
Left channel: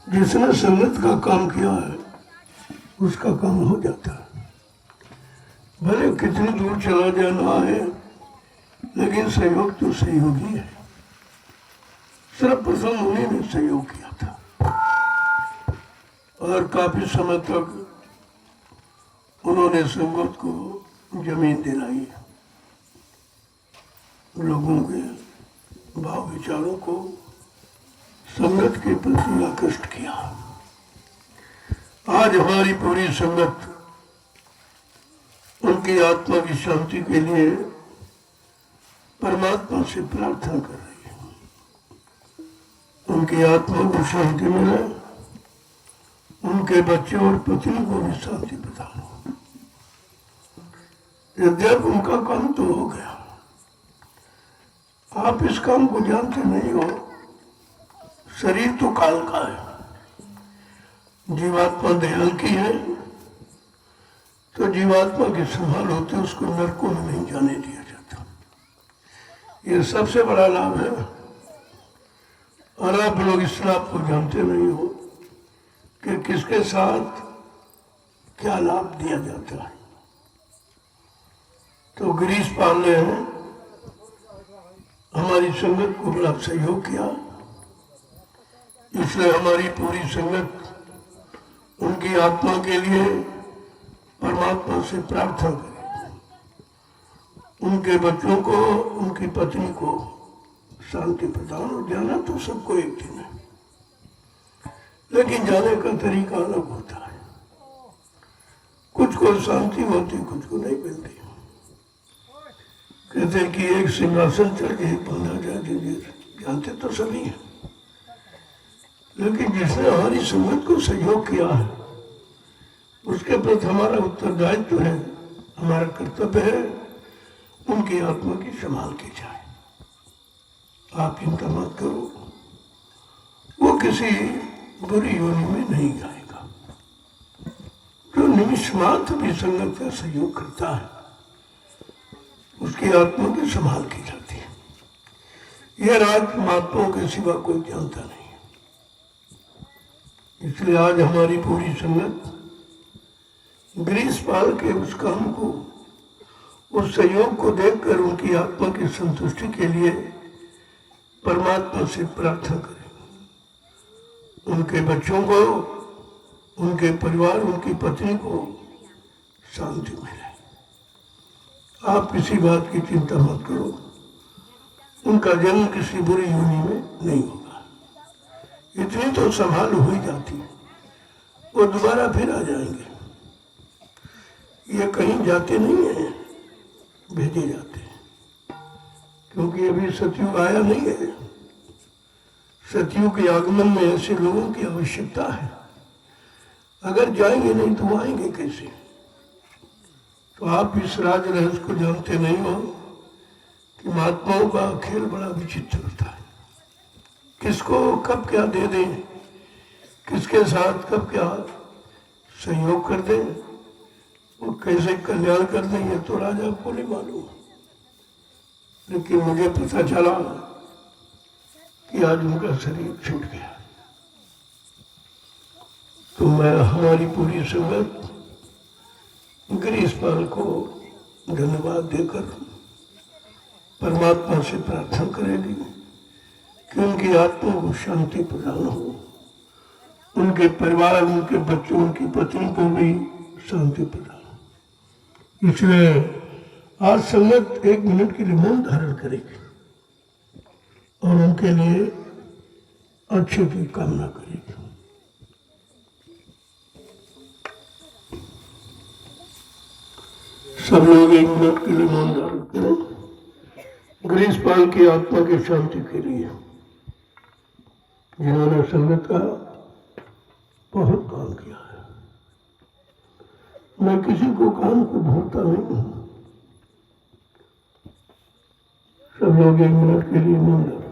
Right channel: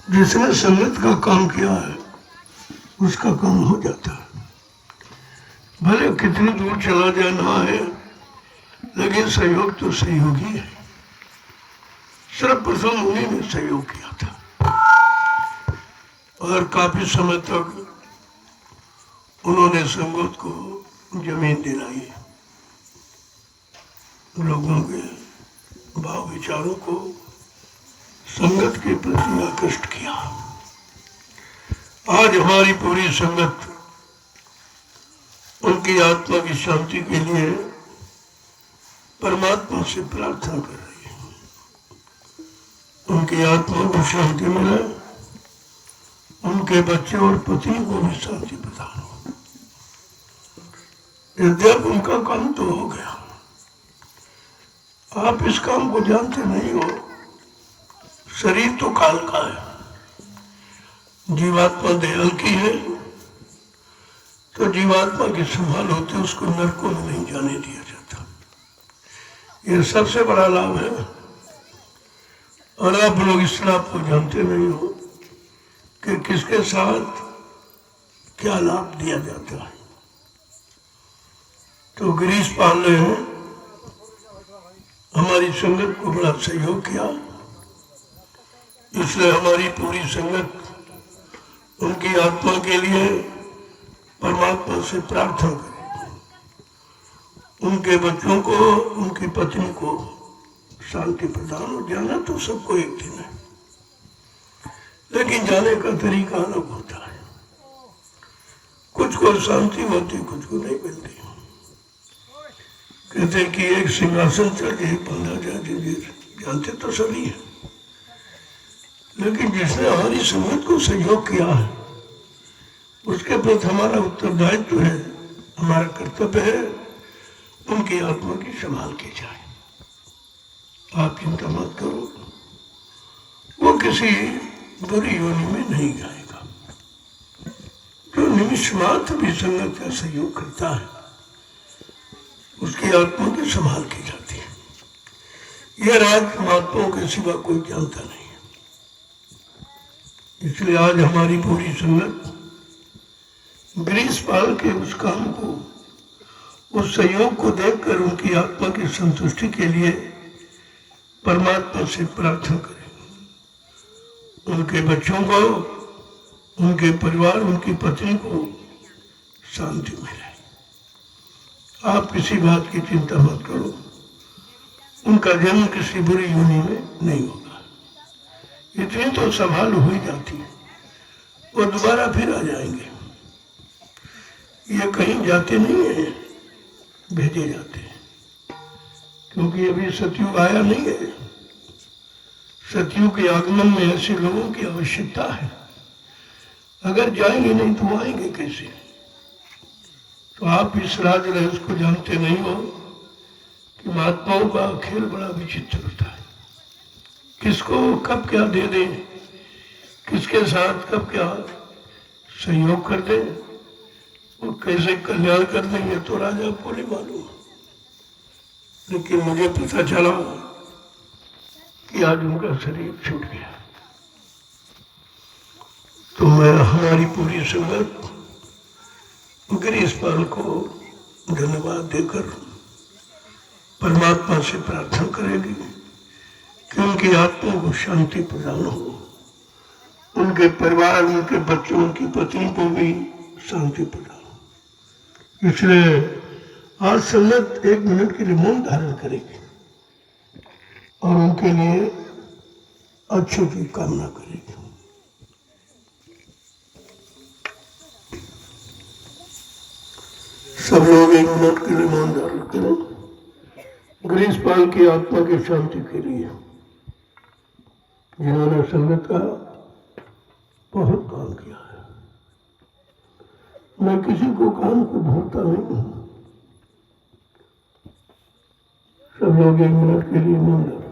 जिसने संगत का काम किया है उसका काम हो जाता है, भले कितनी दूर चला जाना है, लेकिन सहयोग तो सहयोगी है। सर्वप्रथम उन्हीं ने सहयोग किया था और काफी समय तक उन्होंने संगत को जमीन दिलाई, लोगों के भाव विचारों को संगत के प्रति आकृष्ट किया। आज हमारी पूरी संगत उनकी आत्मा की शांति के लिए परमात्मा से प्रार्थना कर रही है। उनकी आत्मा को शांति मिले, उनके बच्चे और पत्नी को भी शांति प्रदान हो। यद्यप उनका काम तो हो गया, आप इस काम को जानते नहीं हो। शरीर तो काल का है, जीवात्मा दयाल की है, तो जीवात्मा की संभाल होती, उसको नरकों में नहीं जाने दिया जाता। ये सबसे बड़ा लाभ है। और आप लोग इस लाभ को जानते नहीं हो कि किसके साथ क्या लाभ दिया जाता है। तो गिरीश पाल ने हमारी संगत को बड़ा सहयोग किया, इसलिए हमारी पूरी संगत उनकी आत्मा के लिए परमात्मा से प्रार्थना करे, उनके बच्चों को, उनकी पत्नी को शांति प्रदान हो। जाना तो सबको एक दिन है, लेकिन जाने का तरीका अलग होता है। कुछ को शांति होती, कुछ को नहीं मिलती। कहते कि एक सिंहासन चढ़ एक बंदा जानते तो सभी है, लेकिन जिसने हमारी संगत को सहयोग किया है उसके प्रति हमारा उत्तरदायित्व है, हमारा कर्तव्य है, उनकी आत्मा की संभाल की जाए। आप चिंता मत करो, वो किसी बुरी योनि में नहीं जाएगा। जो निमिष मात्र भी संगत का सहयोग करता है उसकी आत्मा की संभाल की जाती है। यह राज महात्माओं के सिवा कोई जानता नहीं है। इसलिए आज हमारी पूरी संगत गिरीश पाल के उस काम को, उस सहयोग को देखकर उनकी आत्मा की संतुष्टि के लिए परमात्मा से प्रार्थना करें। उनके बच्चों को, उनके परिवार, उनकी पत्नी को शांति मिले। आप किसी बात की चिंता मत करो, उनका जन्म किसी बुरी योनि में नहीं होगा। इतनी तो संभाल हो ही जाती है। वो दोबारा फिर आ जाएंगे। ये कहीं जाते नहीं हैं, भेजे जाते हैं, क्योंकि अभी सतयुग आया नहीं है। सतयुग के आगमन में ऐसे लोगों की आवश्यकता है। अगर जाएंगे नहीं तो आएंगे कैसे? तो आप इस राज रहस्य को जानते नहीं हो कि महात्माओं का खेल बड़ा विचित्र होता है। किसको कब क्या दे दें, किसके साथ कब क्या सहयोग कर दें, वो कैसे कल्याण कर दें, ये तो राजा को नहीं मालूम। लेकिन मुझे पता चला कि आज उनका शरीर छूट गया, तो मैं हमारी पूरी संगत गिरीशपाल को धन्यवाद देकर परमात्मा से प्रार्थना करेगी कि उनकी आत्मा को शांति प्रदान हो, उनके परिवार, उनके बच्चों, उनकी पत्नी को भी शांति प्रदान हो। इसलिए आज संगत 1 मिनट के लिए मौन धारण करेगी और उनके लिए अच्छे की कामना करेगी। सब लोग 1 मिनट के लिए मौन धारण करें गिरीशपाल की आत्मा की शांति के लिए, जिन्होंने संगत का बहुत काम किया है। मैं किसी को काम को भूलता नहीं हूं। सब लोग 1 मिनट के लिए मौन धारण।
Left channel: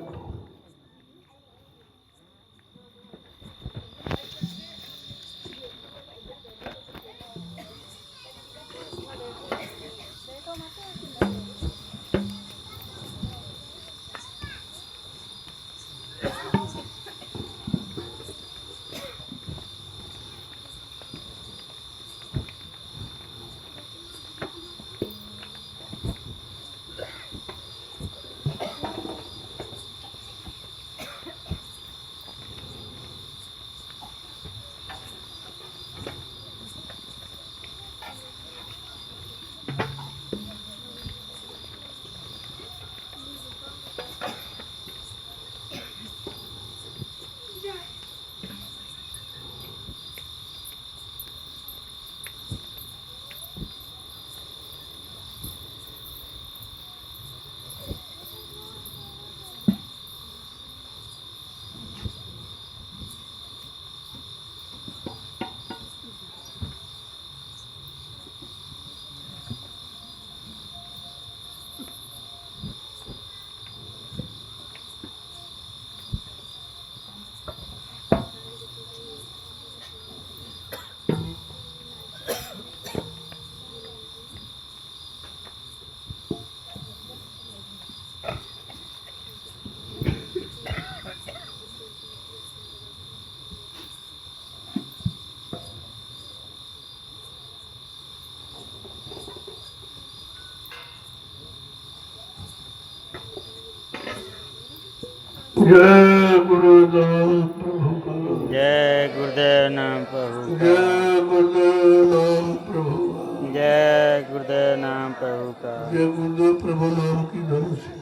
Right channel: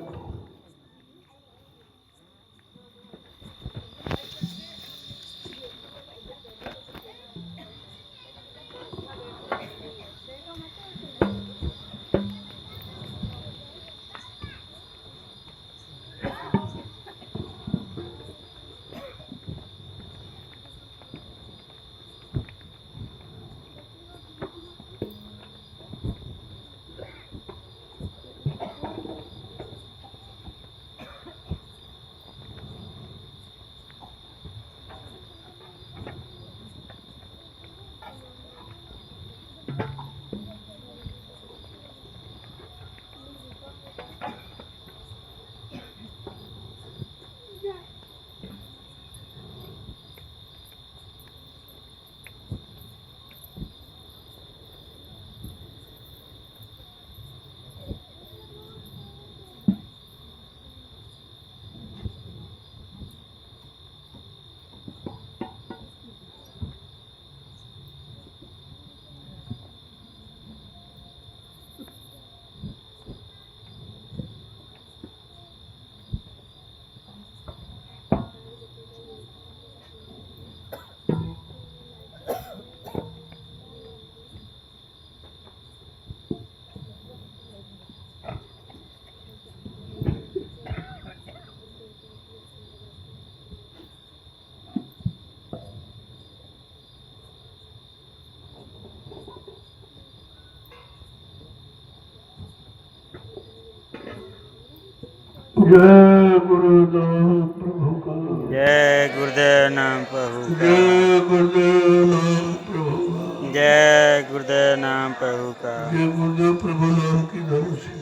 जय गुरुदेव प्रभु का, जय गुरुदेव नाम प्रभु का, जय गुरुदेव नाम प्रभु का, जय गुरुदेव नाम प्रभु का। जय गुरुदेव प्रभु नाम की धन से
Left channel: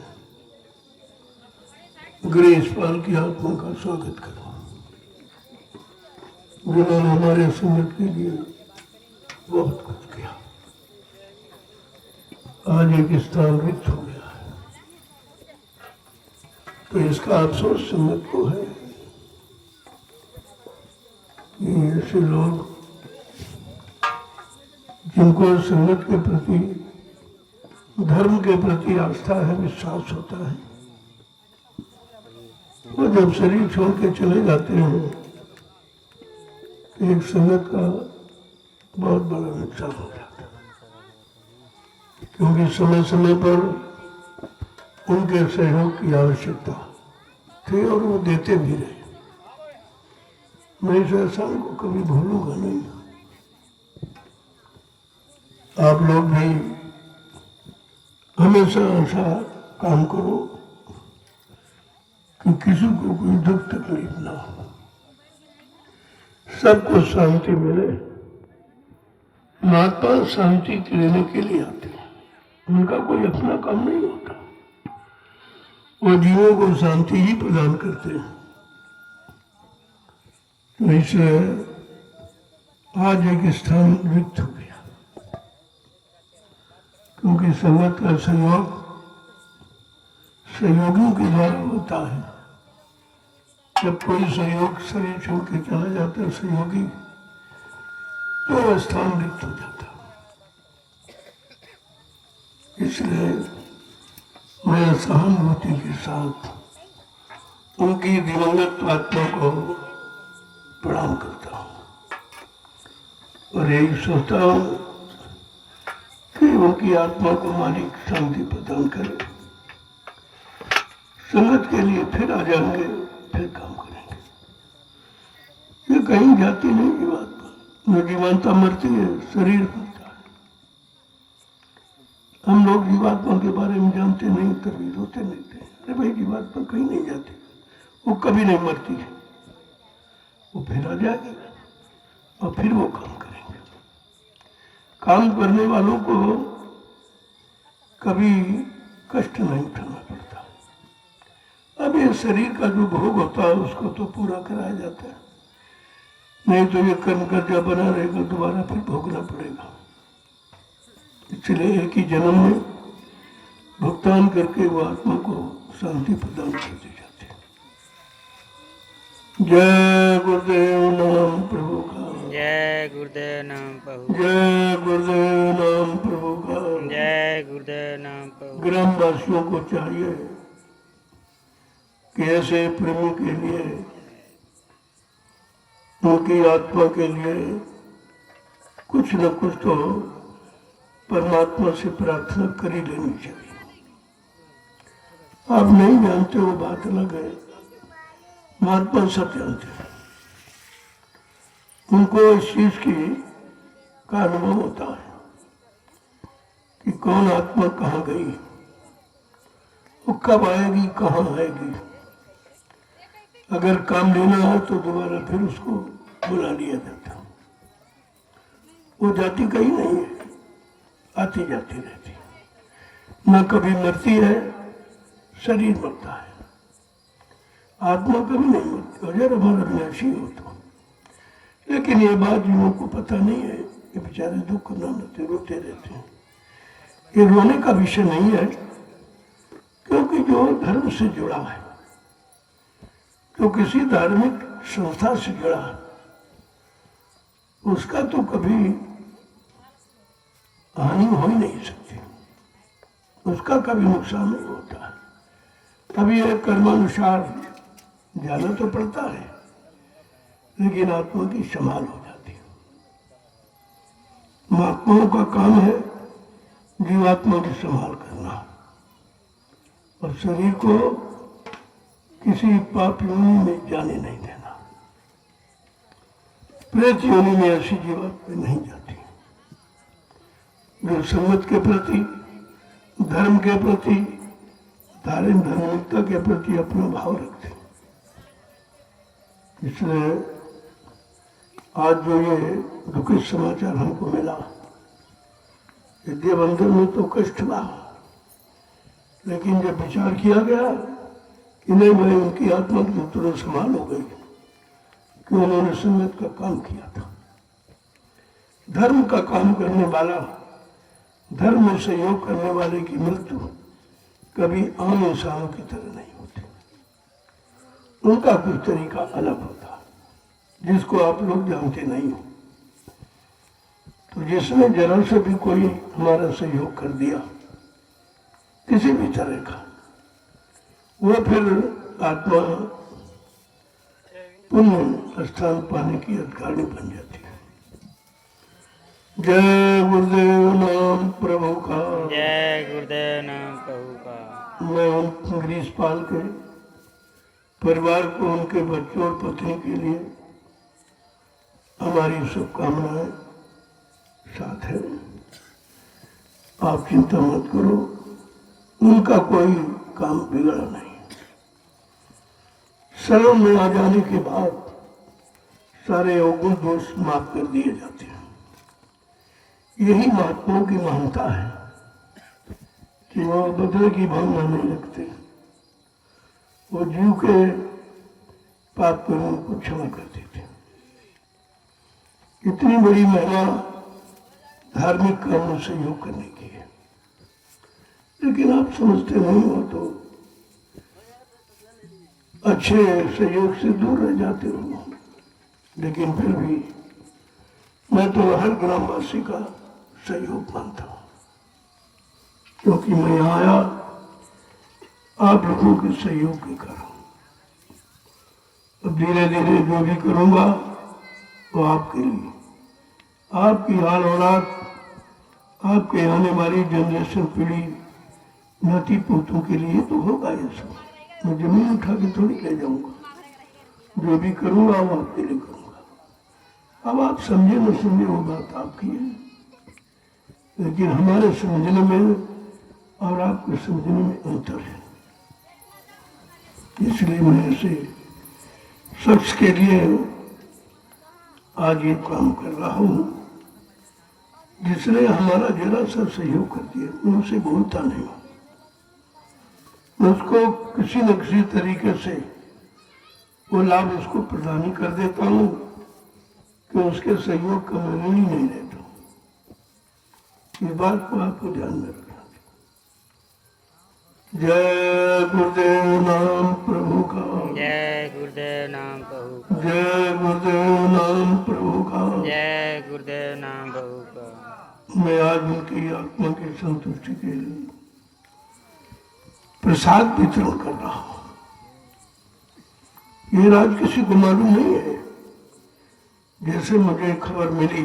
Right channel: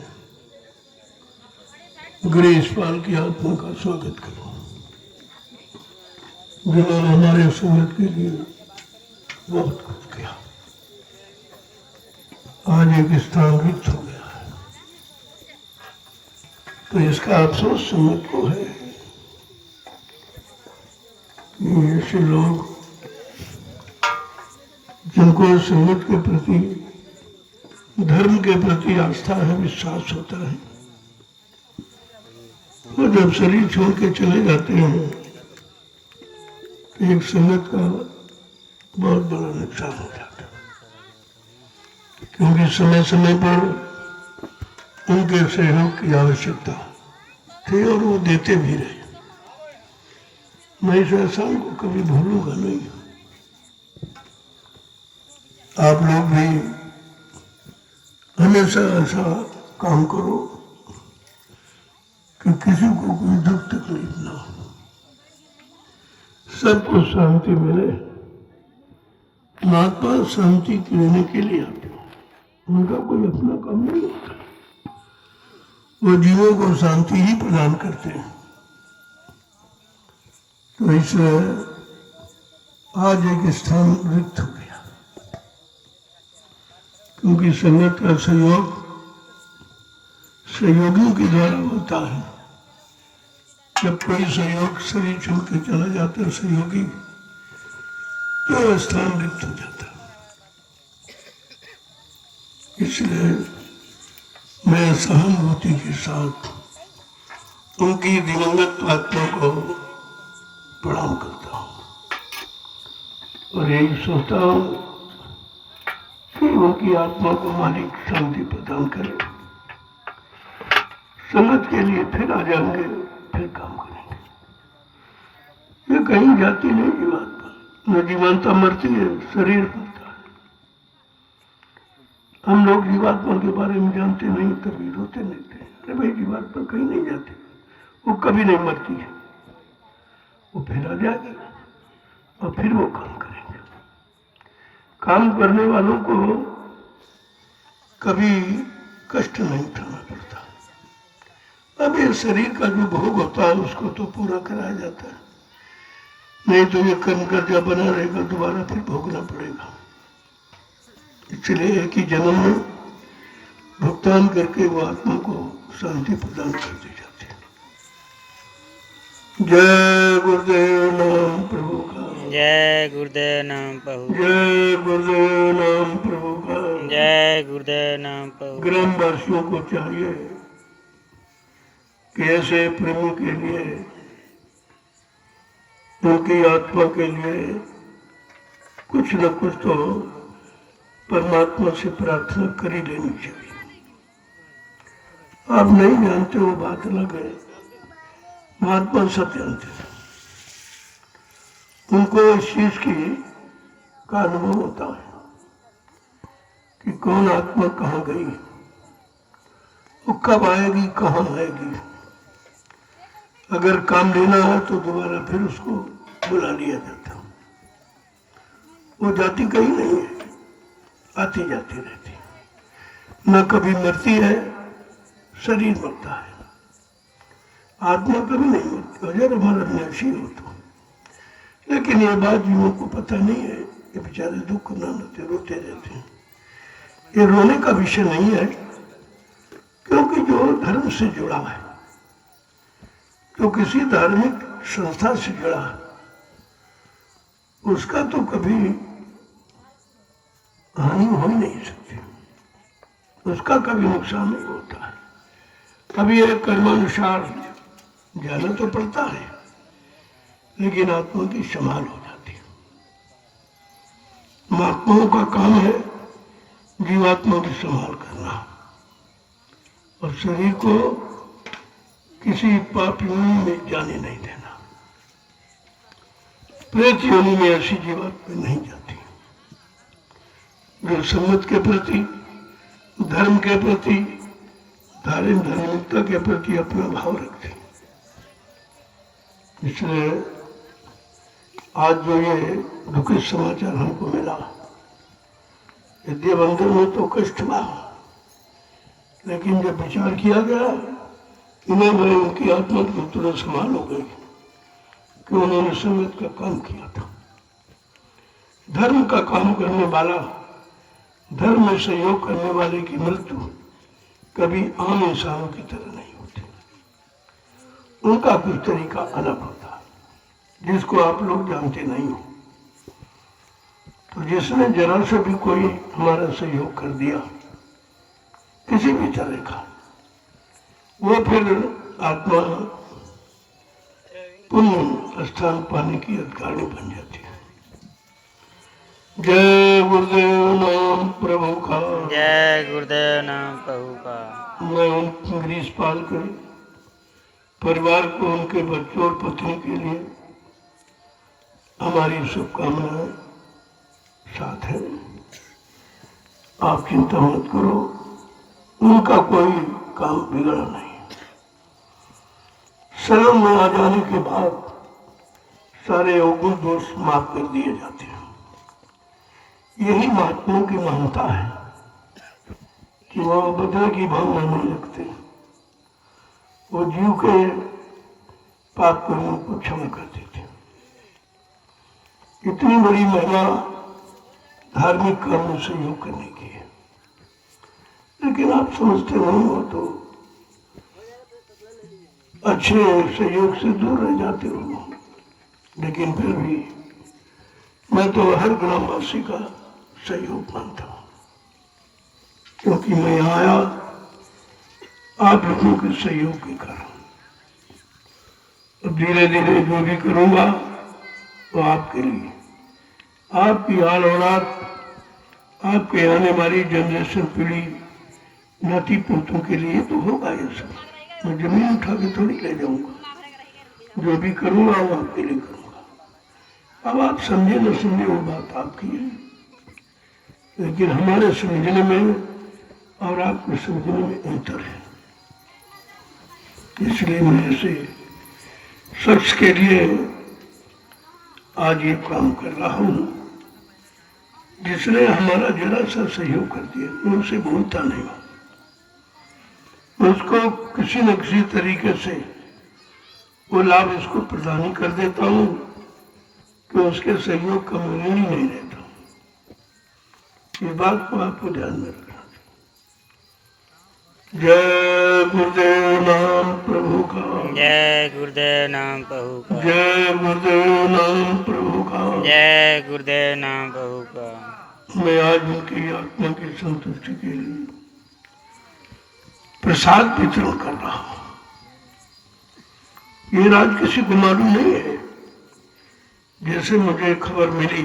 गिरीशपाल की आत्मा का स्वागत करो, जिन्होंने हमारे संगत के लिए बहुत कुछ किया। आज एक स्थान रिक्त हो गया है, तो इसका अफसोस संगत को है कि ऐसे लोग जिनको संगत के प्रति, धर्म के प्रति आस्था है, विश्वास होता है, वो जब शरीर छोड़ के चले जाते हैं तो एक संगत का बहुत बड़ा नुकसान हो जाता है, क्योंकि समय समय पर उनके सहयोग की आवश्यकता थी और वो देते भी रहे। मैं इस एहसान को कभी भूलूंगा नहीं। आप लोग भी हमेशा ऐसा काम करो कि किसी को कोई दुख तकलीफ ना हो, सबको शांति मिले। महात्मा शांति लेने के लिए आते हैं, उनका कोई अपना काम नहीं होता, वो जीवों को शांति ही प्रदान करते हैं। तो इसलिए आज एक स्थान रिक्त हो गया, क्योंकि संगत का सहयोग सहयोगियों के द्वारा होता है। जब कोई सहयोग शरीर छोड़ के चला जाता है सहयोगी, तो स्थान रिक्त हो जाता है। इसलिए मैं सहानुभूति के साथ उनकी दिवंगत आत्मा को प्रणाम करता हूँ और यही सोचता हूँ कि उनकी आत्मा को मालिक शांति प्रदान करे। संगत के लिए फिर आ जाएंगे, फिर काम करेंगे। ये कहीं जाती नहीं जीवात्मा, न जीवात्मा मरती है, शरीर मरता है। हम लोग जीवात्मा के बारे में जानते नहीं, कभी रोते नहीं थे, अरे भाई जीवात्मा कहीं नहीं जाती, वो कभी नहीं मरती है, वो फिर आ जाएगी और फिर वो काम करेंगे। काम करने वालों को कभी कष्ट नहीं उठाना पड़ता। अब ये शरीर का जो भोग होता है उसको तो पूरा कराया जाता है, नहीं तो ये कर्म कर्जा बना रहेगा, दोबारा फिर भोगना पड़ेगा। इसलिए एक ही जन्म में भुगतान करके वो आत्मा को शांति प्रदान कर दी जाती है। जय गुरुदेव नाम प्रभु का, जय गुरुदेव नाम प्रभु, जय गुरुदेव नाम प्रभु का। जय गुरुदेव नाम प्रभु। ग्रामवासियों को चाहिए कि ऐसे प्रेमी के लिए, उनकी आत्मा के लिए कुछ न कुछ तो परमात्मा से प्रार्थना कर ही लेनी चाहिए। आप नहीं जानते वो बात अलग है, महात्मा सब जानते हैं। उनको इस चीज की का अनुभव होता है कि कौन आत्मा कहाँ गई, वो कब आएगी, कहाँ आएगी। अगर काम लेना है तो दोबारा फिर उसको बुला लिया जाता। वो जाती कहीं नहीं है, आती जाती रहती है, न कभी मरती है, शरीर मरता है, आत्मा कभी नहीं मरती। अगर हमारा अविनाशी हो तो, लेकिन ये बात जीवों को पता नहीं है, ये बेचारे दुख मनाते रोते रहते हैं। ये रोने का विषय नहीं है, क्योंकि जो धर्म से जुड़ा है, जो किसी धार्मिक संस्था से जुड़ा है, उसका तो कभी हानि हो ही नहीं सकती, उसका कभी नुकसान नहीं होता है। कभी ये कर्मानुसार जाना तो पड़ता है, लेकिन आत्मा की संभाल हो जाती है। महात्माओं का काम है जीवात्मा की संभाल करना और शरीर को किसी पाप योनि में जाने नहीं देना। प्रेत योनि में ऐसी जीवात्मा नहीं जाती जो संगत के प्रति, धर्म के प्रति, धार्मिकता के प्रति अपना भाव रखते। इसलिए आज जो ये दुखद समाचार हमको मिला, विद्या बंधन में तो कष्ट हुआ, लेकिन जब विचार किया गया इन्हें मैं उनकी आत्मा की तुरंत संभाल हो गई कि उन्होंने संगत का काम किया था। धर्म का काम करने वाला, धर्म में सहयोग करने वाले की मृत्यु कभी आम इंसानों की तरह नहीं होती। उनका कुछ तरीका अलग होता है जिसको आप लोग जानते नहीं हो। तो जिसने जरा से भी कोई हमारा सहयोग कर दिया किसी भी तरह का, वो फिर आत्मा पुण्य स्थान पाने की अधिकारिणी बन जाती है। जय गुरुदेव नाम प्रभु का, जय गुरुदेव नाम प्रभु का। मैं उन ग्रीसपाल के परिवार को, उनके बच्चों और पत्नी के लिए हमारी शुभकामनाएं साथ है। आप चिंता मत करो, उनका कोई काम बिगड़ा नहीं। शरण में आ जाने के बाद सारे अवगुण दोष माफ कर दिए जाते हैं। यही महात्माओं की महानता है कि वो बदले की भावना नहीं रखते, वो जीव के पाप कर्मों को क्षमा कर देते। इतनी बड़ी महिमा धार्मिक कर्म में सहयोग करने की है, लेकिन आप समझते नहीं हो तो अच्छे सहयोग से दूर रह जाते हो। लेकिन फिर भी मैं तो हर ग्रामवासी का सहयोग मानता हूं, क्योंकि मैं आया आप लोगों के सहयोग के कारण। अब धीरे धीरे जो भी करूंगा वो आपके लिए, आपकी आल औलाद, आपके आने वाली जनरेशन पीढ़ी नाती पोतों के लिए तो होगा ये सब। मैं जमीन उठा के थोड़ी ले जाऊंगा, जो भी करूंगा वो आपके लिए करूंगा। अब आप समझे न समझे वो बात आपकी है, लेकिन हमारे समझने में और आपको समझने में अंतर है। इसलिए मैं ऐसे शख्स के लिए आज ये काम कर रहा हूं जिसने हमारा जरा सा सहयोग कर दिया। मैं उसे भूलता नहीं हूं, मैं उसको किसी न किसी तरीके से वो लाभ उसको प्रदान कर देता हूं कि उसके सहयोग का मैं ऋणी नहीं रहता हूं। इस बात को आपको ध्यान में रखना। जय गुरुदेव नाम प्रभु का, जय गुरुदेव नाम प्रभु का, जय गुरुदेव नाम प्रभु का। जय गुरुदेव नाम प्रभु का। मैं आज उनकी आत्मा की संतुष्टि के लिए प्रसाद वितरण कर रहा हूं। ये राज किसी को मालूम नहीं है। जैसे मुझे खबर मिली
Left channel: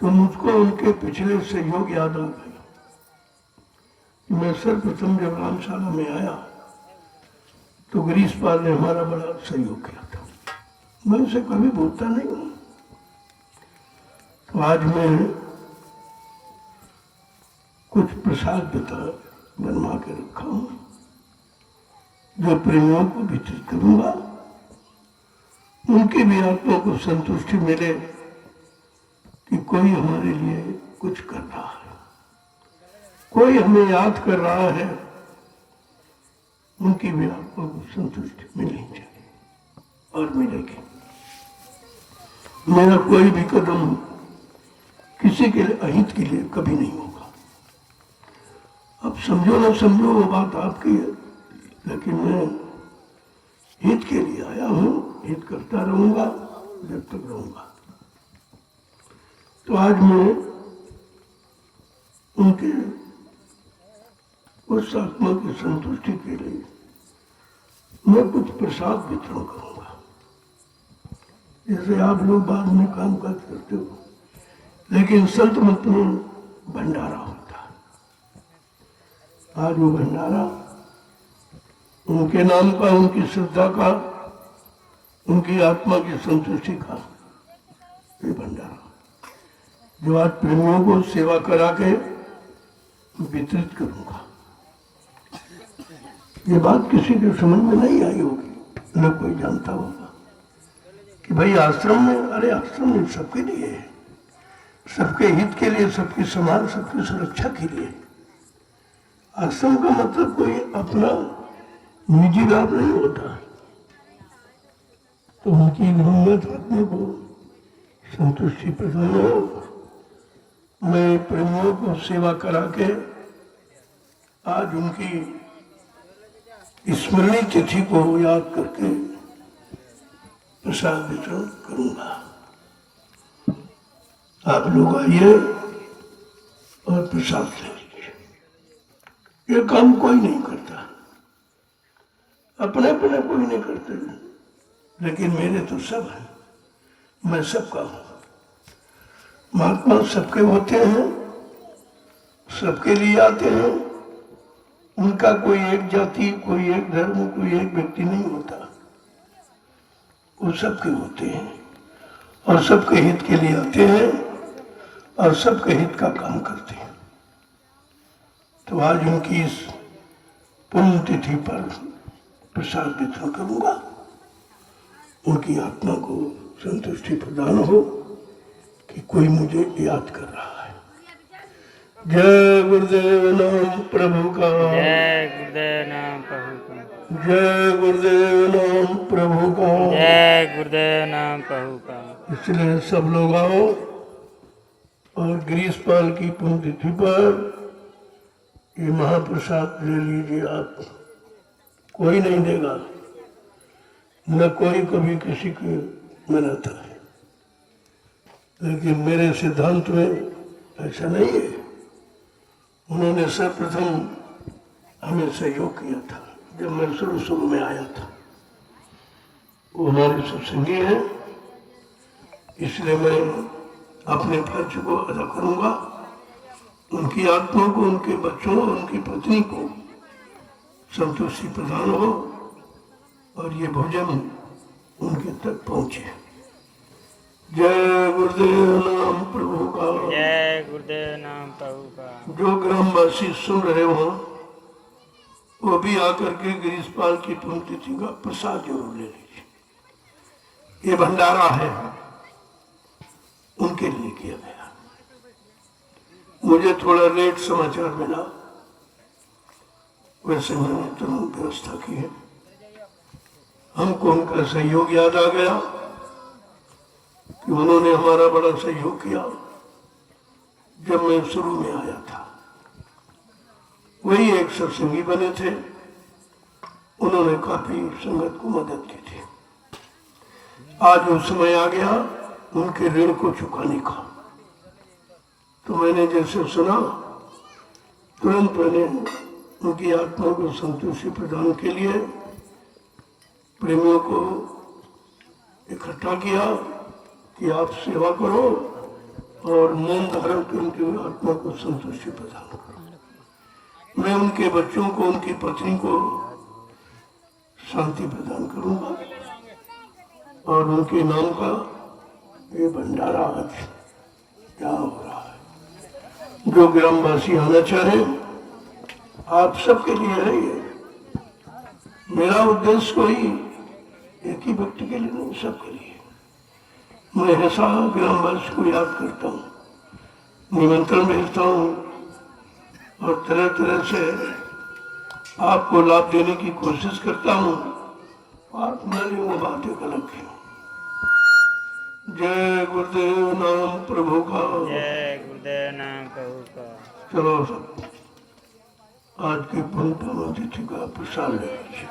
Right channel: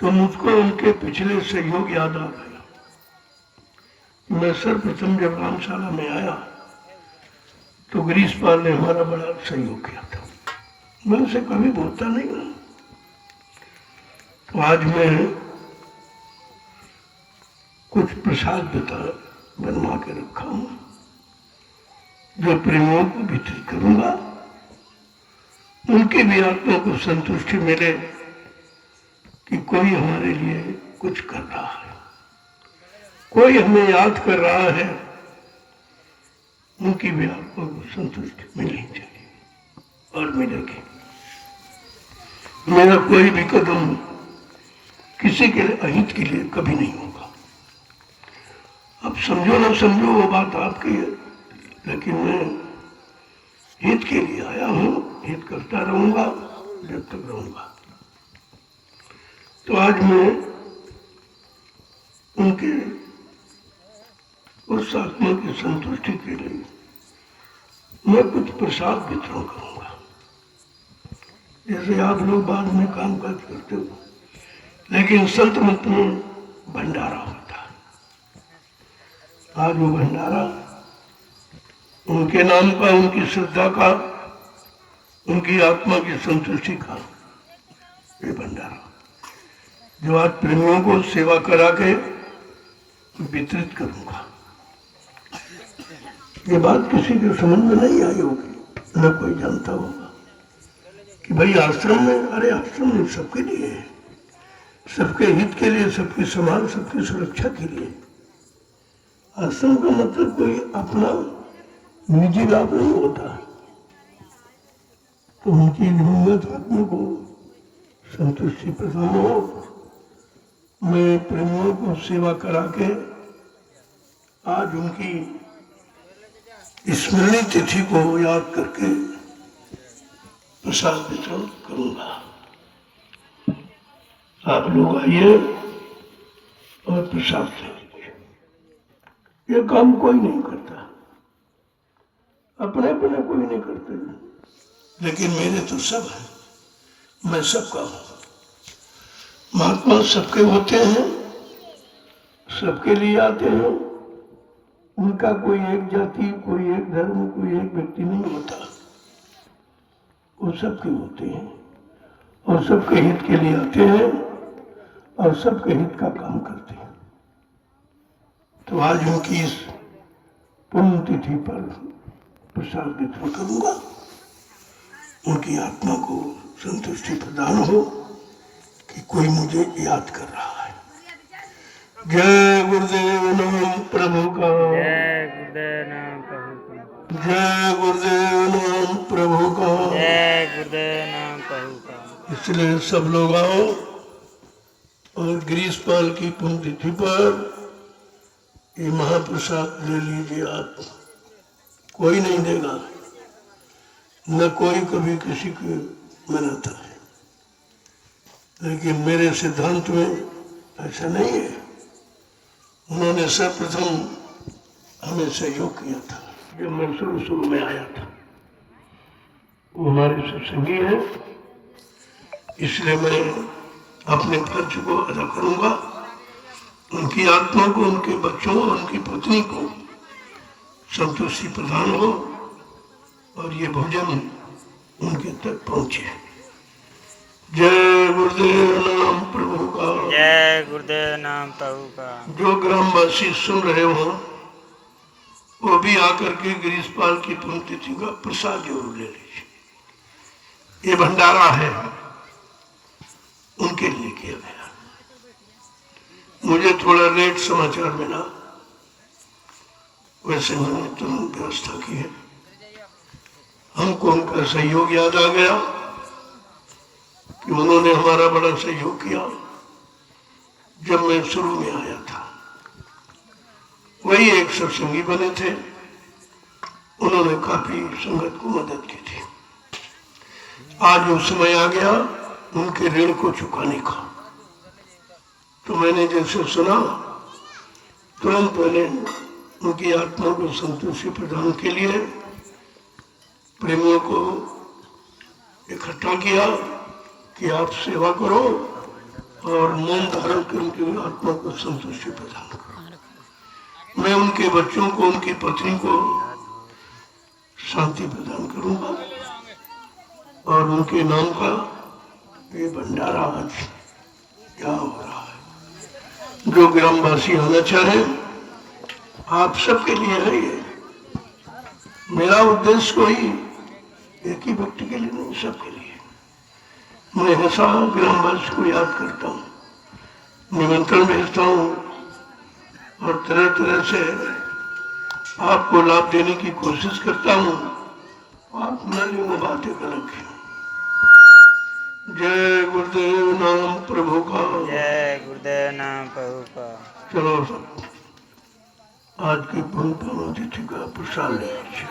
तो मुझको उनके पिछले सहयोग याद आ गया। मैं सर्वप्रथम जब रामशाला में आया तो गिरीश पाल ने हमारा बड़ा सहयोग किया था। मैं उसे कभी भूलता नहीं हूं। तो आज मैं कुछ प्रसाद बनवा के रखा हूं, जो प्रेमियों को वितरित करूंगा। उनकी भी आत्मा को संतुष्टि मिले कि कोई हमारे लिए कुछ कर रहा है, कोई हमें याद कर रहा है। उनकी भी आत्मा को संतुष्टि मिलनी चाहिए और मिलेगी। मेरा कोई भी कदम किसी के अहित के लिए कभी नहीं होगा। अब समझो ना समझो वो बात आपकी है, लेकिन मैं हित के लिए आया हूं, हित करता रहूंगा जब तक रहूंगा। तो आज मैं उनके उस आत्मा की संतुष्टि के लिए मैं कुछ प्रसाद वितरण करूंगा। जैसे आप लोग बाद में काम काज करते हो, लेकिन संत मत में भंडारा होता है। आज वो भंडारा उनके नाम का, उनकी श्रद्धा का, उनकी आत्मा की संतुष्टि का ये भंडारा, जो आज प्रेमियों को सेवा करा के वितरित करूंगा। ये बात किसी के समझ में नहीं आई होगी, न कोई जानता होगा कि भाई आश्रम में, अरे आश्रम में सबके लिए है, सबके हित के लिए, सबके समाज, सबकी सुरक्षा के लिए। आश्रम का मतलब कोई अपना निजी लाभ नहीं होता। तो उनकी हिम्मत आदमी को संतुष्टि प्रदान हो। मैं प्रेमियों को सेवा करा के आज उनकी स्मृति तिथि को याद करके प्रसाद वितरण करूंगा। आप लोग आइए और प्रसाद ले लीजिए। ये काम कोई नहीं करता, अपने अपने कोई नहीं करते, लेकिन मेरे तो सब है, मैं सबका हूं। महात्मा सबके होते हैं, सबके लिए आते हैं। उनका कोई एक जाति, कोई एक धर्म, कोई एक व्यक्ति नहीं होता। वो सबके होते हैं और सबके हित के लिए आते हैं और सबके हित का काम करते हैं। तो आज उनकी इस पुण्यतिथि पर प्रसाद वितरण करूंगा। उनकी आत्मा को संतुष्टि प्रदान हो कि कोई मुझे याद कर रहा है। जय गुरुदेव नाम प्रभु का, जय गुरुदेव नाम प्रभु का। जय गुरुदेव नाम प्रभु का। जय गुरुदेव नाम प्रभु का। इसलिए सब लोग आओ और गिरीशपाल की पुण्यतिथि पर ये महाप्रसाद ले लीजिए। आप कोई नहीं देगा, न कोई कभी किसी की मनाता है, लेकिन मेरे सिद्धांत में ऐसा नहीं है। उन्होंने सर्वप्रथम हमें सहयोग किया था जब मैं शुरू में आया था। वो हमारे सत्संगी है, इसलिए मैं अपने फर्ज को अदा करूंगा। उनकी आत्मा को, उनके बच्चों और उनकी पत्नी को संतुष्टि प्रदान हो और ये भोजन उनके तक पहुंचे। जय गुरुदेव नाम प्रभु का। जय गुरुदेव नाम प्रभु का। जो ग्रामवासी सुन रहे हो वो भी आकर के गिरीशपाल की पुण्यतिथि का प्रसाद जरूर ले लीजिए। ये भंडारा है, उनके लिए किया गया। मुझे थोड़ा लेट समाचार मिला, वैसे मैंने तुरंत व्यवस्था की है। हमको उनका सहयोग याद आ गया कि उन्होंने हमारा बड़ा सहयोग किया जब मैं शुरू में आया था। वही एक सत्संगी बने थे, उन्होंने काफी संगत को मदद की थी। आज वो समय आ गया उनके ऋण को चुकाने का। तो मैंने जैसे सुना तुरंत मैंने उनकी आत्मा को संतुष्टि प्रदान के लिए प्रेमियों को इकट्ठा किया कि आप सेवा करो और मौन धारण करके आत्मा को संतुष्टि प्रदान करो। मैं उनके बच्चों को, उनकी पत्नी को शांति प्रदान करूंगा और उनके नाम का ये भंडारा आज क्या हो रहा है। जो ग्रामवासी आना चाहे आप सबके लिए है ये। मेरा उद्देश्य कोई एक ही व्यक्ति के लिए नहीं, सबके लिए। मैं हमेशा ग्रामवासी को याद करता हूँ, निमंत्रण भेजता हूँ और तरह तरह से आपको लाभ देने की कोशिश करता हूँ। आप मेरी वो बातें अलग है। जय गुरुदेव नाम प्रभु का। जय गुरुदेव नाम प्रभु का। चलो सब आज की पुण्य तिथि का प्रसाद ले लीजिए।